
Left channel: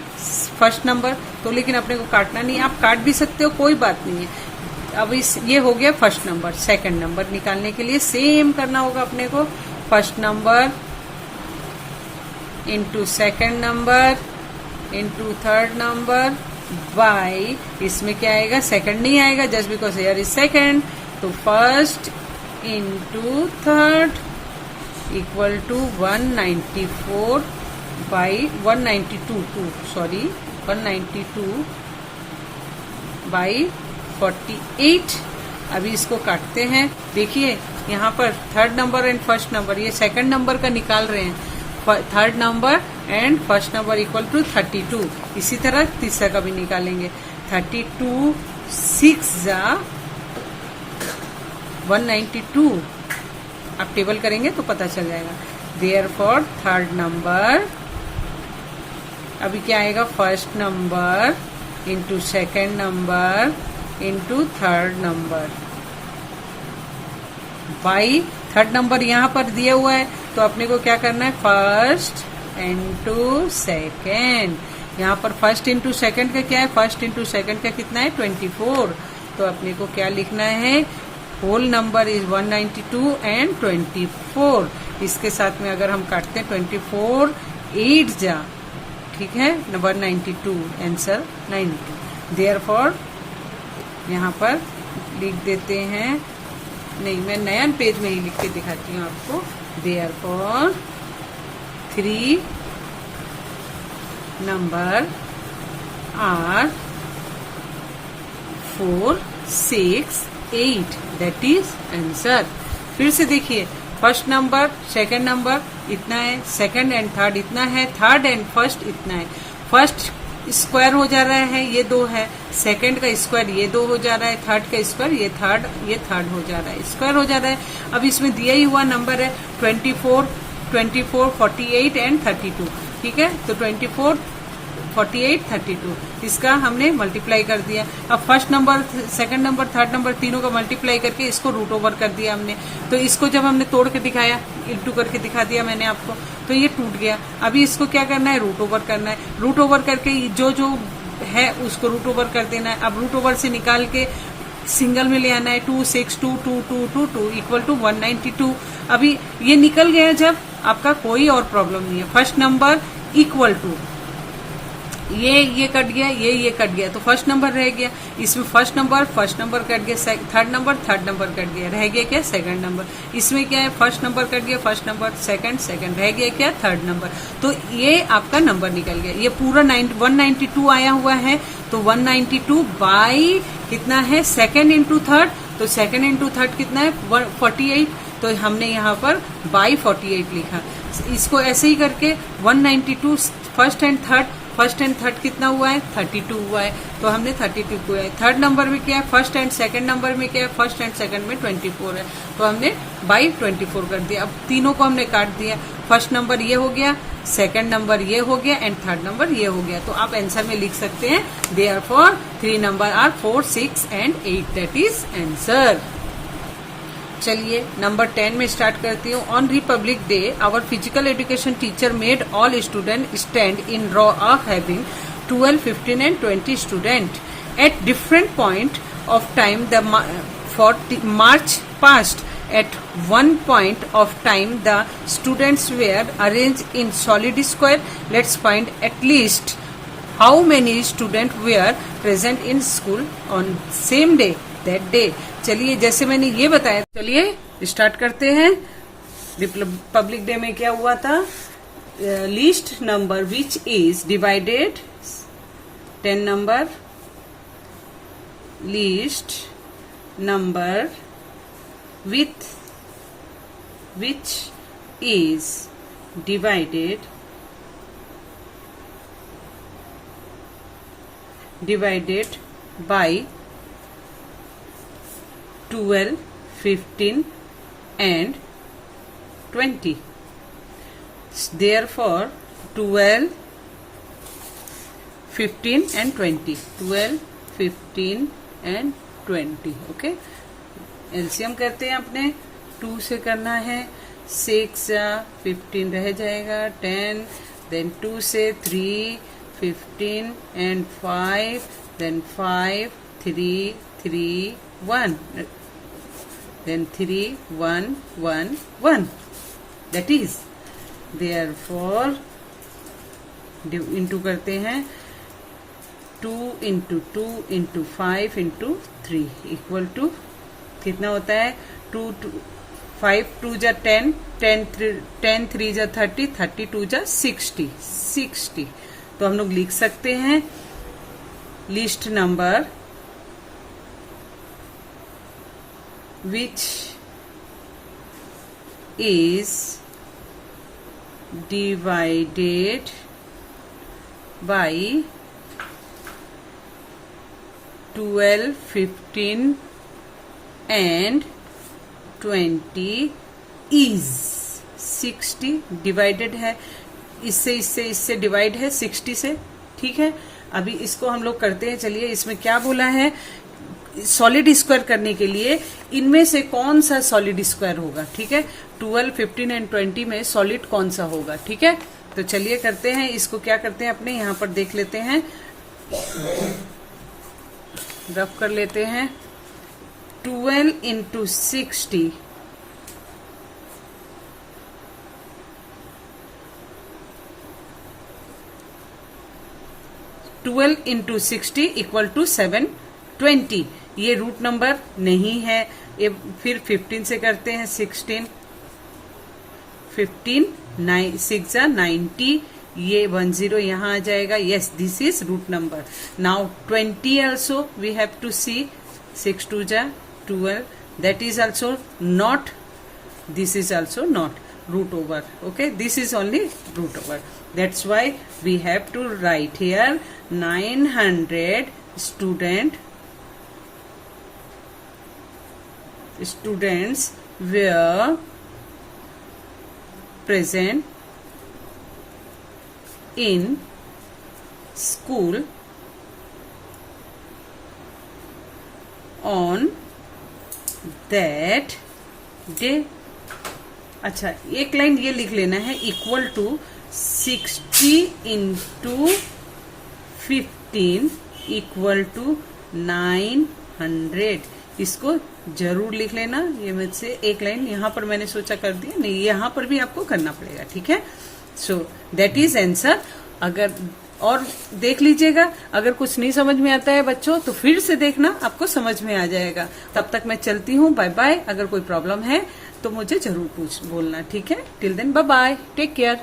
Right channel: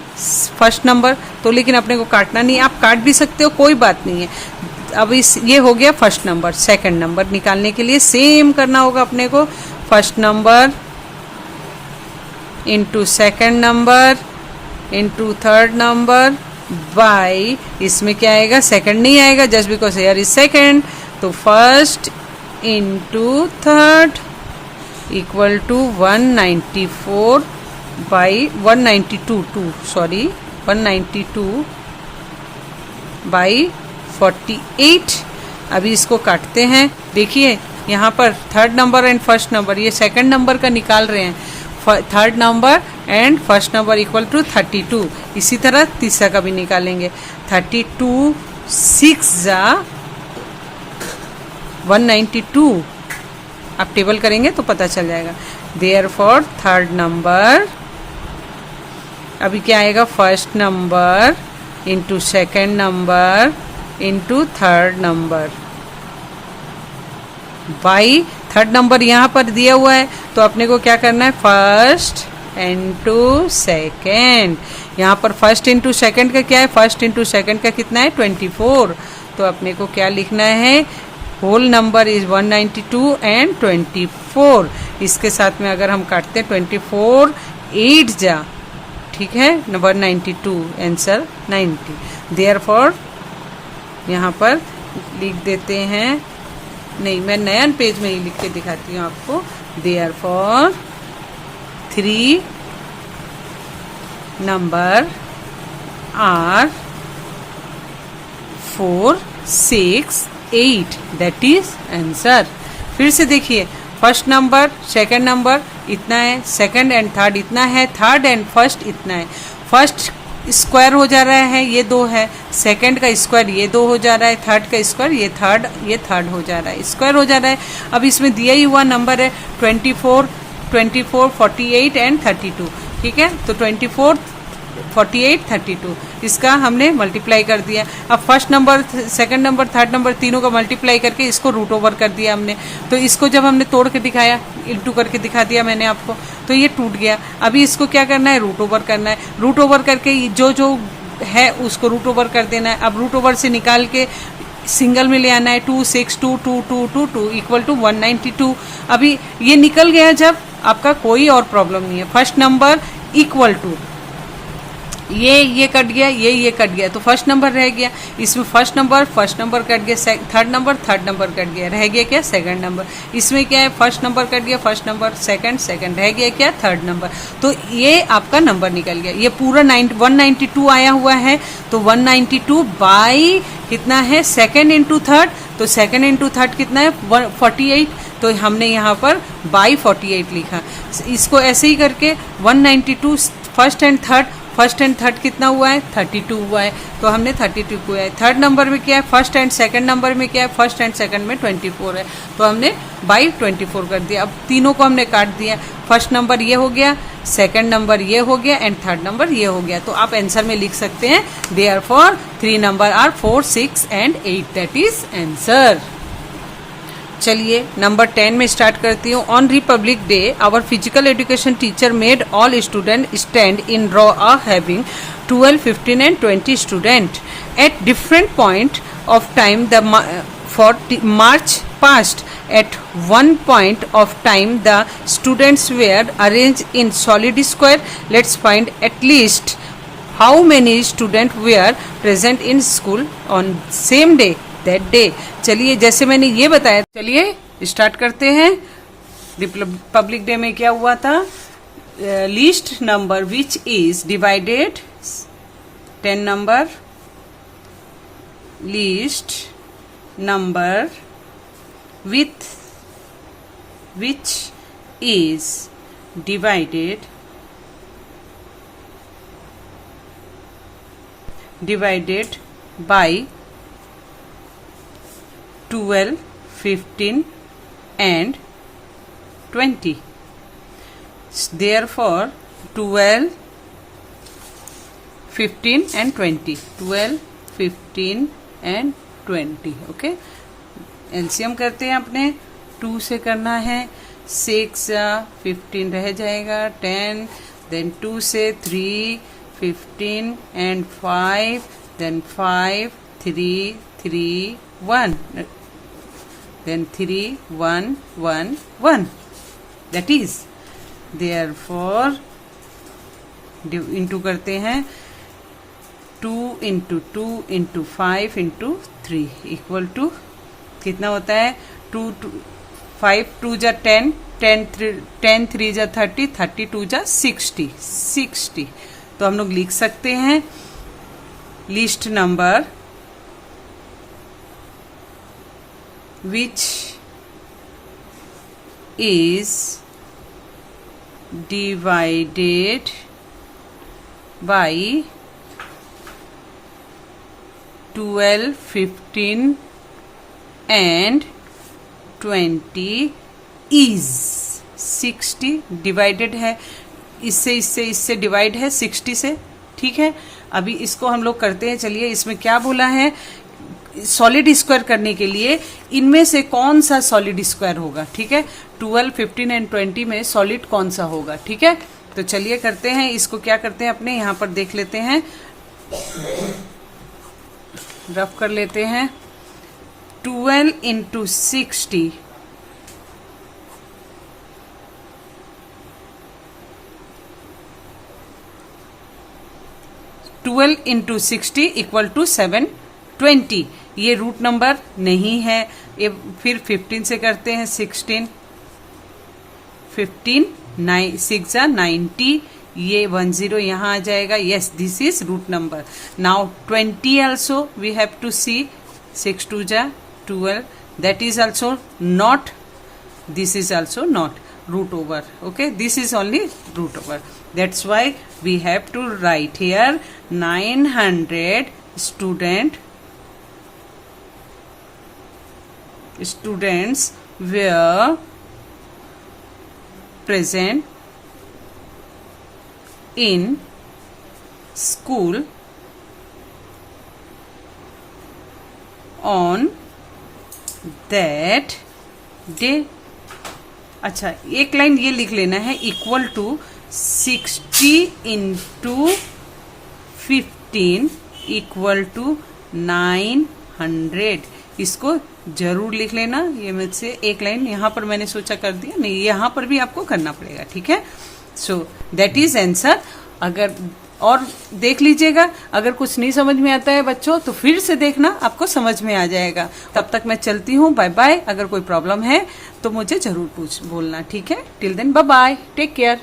फर्स्ट नंबर। तो लेकिन अपने को काटना नहीं, आप काट भी सकते हो, कोई बात नहीं है। अब ये हो गया फर्स्ट नंबर। सेकंड नंबर निकालने के लिए सेम करना होगा अपने को, first number into second number into third number by, इसमें क्या आएगा, सेकंड नहीं आएगा just because here is second. तो first into third equal to 194 by 192 by 48। अभी इसको काटते हैं। देखिए यहाँ पर third number and first number, ये सेकंड नंबर का निकाल रहे हैं। Third number and first number equal to 32। इसी तरह तीसरा का भी निकालेंगे। 32 6 जा 192। आप टेबल करेंगे तो पता चल जाएगा। देयरफॉर थर्ड नंबर, अभी क्या आएगा, first number into second number into third number by third number यहाँ पर दिया हुआ है तो अपने को क्या करना है, फर्स्ट इंटू सेकेंड। यहाँ पर फर्स्ट इंटू सेकेंड का क्या है, फर्स्ट इंटू सेकेंड का कितना है 24। तो अपने को क्या लिखना है, होल नंबर इज 192 एंड 24। इसके साथ में अगर हम काटते हैं 24 8 जा, ठीक है, 192 आंसर 90। देयरफॉर यहाँ पर लिख देते हैं, नहीं मैं नया पेज में ही लिख के दिखाती हूँ आपको। Therefore 3 number are 4 6 8, that is answer. फिर से देखिए, फर्स्ट नंबर सेकंड नंबर इतना है, सेकंड एंड थर्ड इतना है, थर्ड एंड फर्स्ट इतना है। फर्स्ट स्क्वायर हो जा रहा है, ये 2 है, सेकंड का स्क्वायर ये 2 हो जा रहा है, थर्ड का स्क्वायर ये थर्ड हो जा रहा है, स्क्वायर हो जा रहा है। अब इसमें दिया ही हुआ नंबर है 24 48 एंड 32, ठीक है। तो 24 48 32 इसका हमने मल्टीप्लाई कर दिया। अब first number second number third number तीनों का मल्टीप्लाई करके इसको रूट ओवर कर दिया हमने। तो इसको जब हमने तोड़ के दिखाया, इंटू करके दिखा दिया मैंने आपको, तो ये टूट गया। अभी इसको क्या करना है, रूट ओवर करना है। रूट ओवर करके जो है उसको रूट ओवर कर देना है। अब रूट ओवर से निकाल के सिंगल में ले आना है, 2 6 2 2 2 2 2 इक्वल टू 192। अभी ये निकल गया जब, आपका कोई और प्रॉब्लम नहीं है। फर्स्ट नंबर इक्वल टू ये कट गया, ये कट गया, तो फर्स्ट नंबर रह गया। इसमें फर्स्ट नंबर कट गया, थर्ड नंबर कट गया, रह गया क्या, सेकंड नंबर। इसमें क्या है, फर्स्ट नंबर कट गया, फर्स्ट नंबर सेकंड रह गया क्या, थर्ड नंबर। तो ये आपका नंबर निकल गया। ये पूरा 192 आया हुआ है, तो 192 बाई कितना है, सेकंड इंटू थर्ड, तो सेकंड इंटू थर्ड कितना है 48, तो हमने यहाँ पर बाई 48 लिखा। इसको ऐसे ही करके 192 फर्स्ट एंड थर्ड कितना हुआ है, 32 हुआ है, तो हमने 32 को है। थर्ड नंबर में क्या है, फर्स्ट एंड सेकंड नंबर में क्या है, फर्स्ट एंड सेकंड में 24 है, तो हमने बाई 24 कर दिया। अब तीनों को हमने काट दिया, फर्स्ट नंबर ये हो गया, सेकंड नंबर ये हो गया एंड थर्ड नंबर ये हो गया। तो आप आंसर में लिख सकते हैं therefore 3 number are 4 6 and 8, that is answer. चलिए नंबर 10 में स्टार्ट करती हूँ। On republic day our physical education teacher made all student stand in row having 12 15 and 20 student at different point of time the for March past. At one point of time the students were arranged in solid square. Let's find at least how many students were present in school on same day, that day. चलिए जैसे मैंने ये बताया, चलिए स्टार्ट करते हैं. रिपब्लिक डे में क्या हुआ था? Least number which is divided 10 number, least number with which is divided by 12, 15 and 20. Therefore 12, 15 and 20. 12, 15 and 20. Okay. LCM करते हैं अपने. 2 से करना है. 6 या 15 रह जाएगा. 10, देन 2 से 3, 15 and 5, then 5, 3, 3, 1, then 3, 1, 1, 1. That is therefore into करते हैं. 2 into 2 into 5 into 3 equal to कितना होता है? 2, 5 2 जा 10, 10 3 जा 30, 30 2 जा 60. तो हम लोग लिख सकते हैं list number which is divided by 12, 15 and 20 is 60. Divided है, इससे डिवाइड है 60 से. ठीक है, अभी इसको हम लोग करते हैं. चलिए इसमें क्या बोला है? सॉलिड स्क्वायर करने के लिए इनमें से कौन सा सॉलिड स्क्वायर होगा? ठीक है, 12, 15 एंड 20 में सॉलिड कौन सा होगा? ठीक है, तो चलिए करते हैं. इसको क्या करते हैं अपने यहाँ पर देख लेते हैं, रफ कर लेते हैं. 12 into 60 12 into 60 इक्वल टू 720. ये रूट नंबर नहीं है. ये फिर 15 से करते हैं. 16, 15, 6 जा 90. ये 10 यहाँ आ जाएगा. Yes, this is root number. Now 20 also we have to see. 6 2 जा 12. That is also not. This is also not root over. Okay, this is only root over. That's why we have to write here 900 students were present in school on that day. अच्छा, एक लाइन ये लिख लेना है, equal to 60 into 15 equal to 900. इसको जरूर लिख लेना. ये मुझसे एक लाइन यहाँ पर मैंने सोचा कर दिया, नहीं यहाँ पर भी आपको करना पड़ेगा. ठीक है, सो दैट इज आंसर. अगर और देख लीजिएगा, अगर कुछ नहीं समझ में आता है बच्चों तो फिर से देखना, आपको समझ में आ जाएगा. तब तक मैं चलती हूँ. Bye bye. अगर कोई प्रॉब्लम है तो मुझे जरूर बोलना. ठीक है, till then bye bye, take care.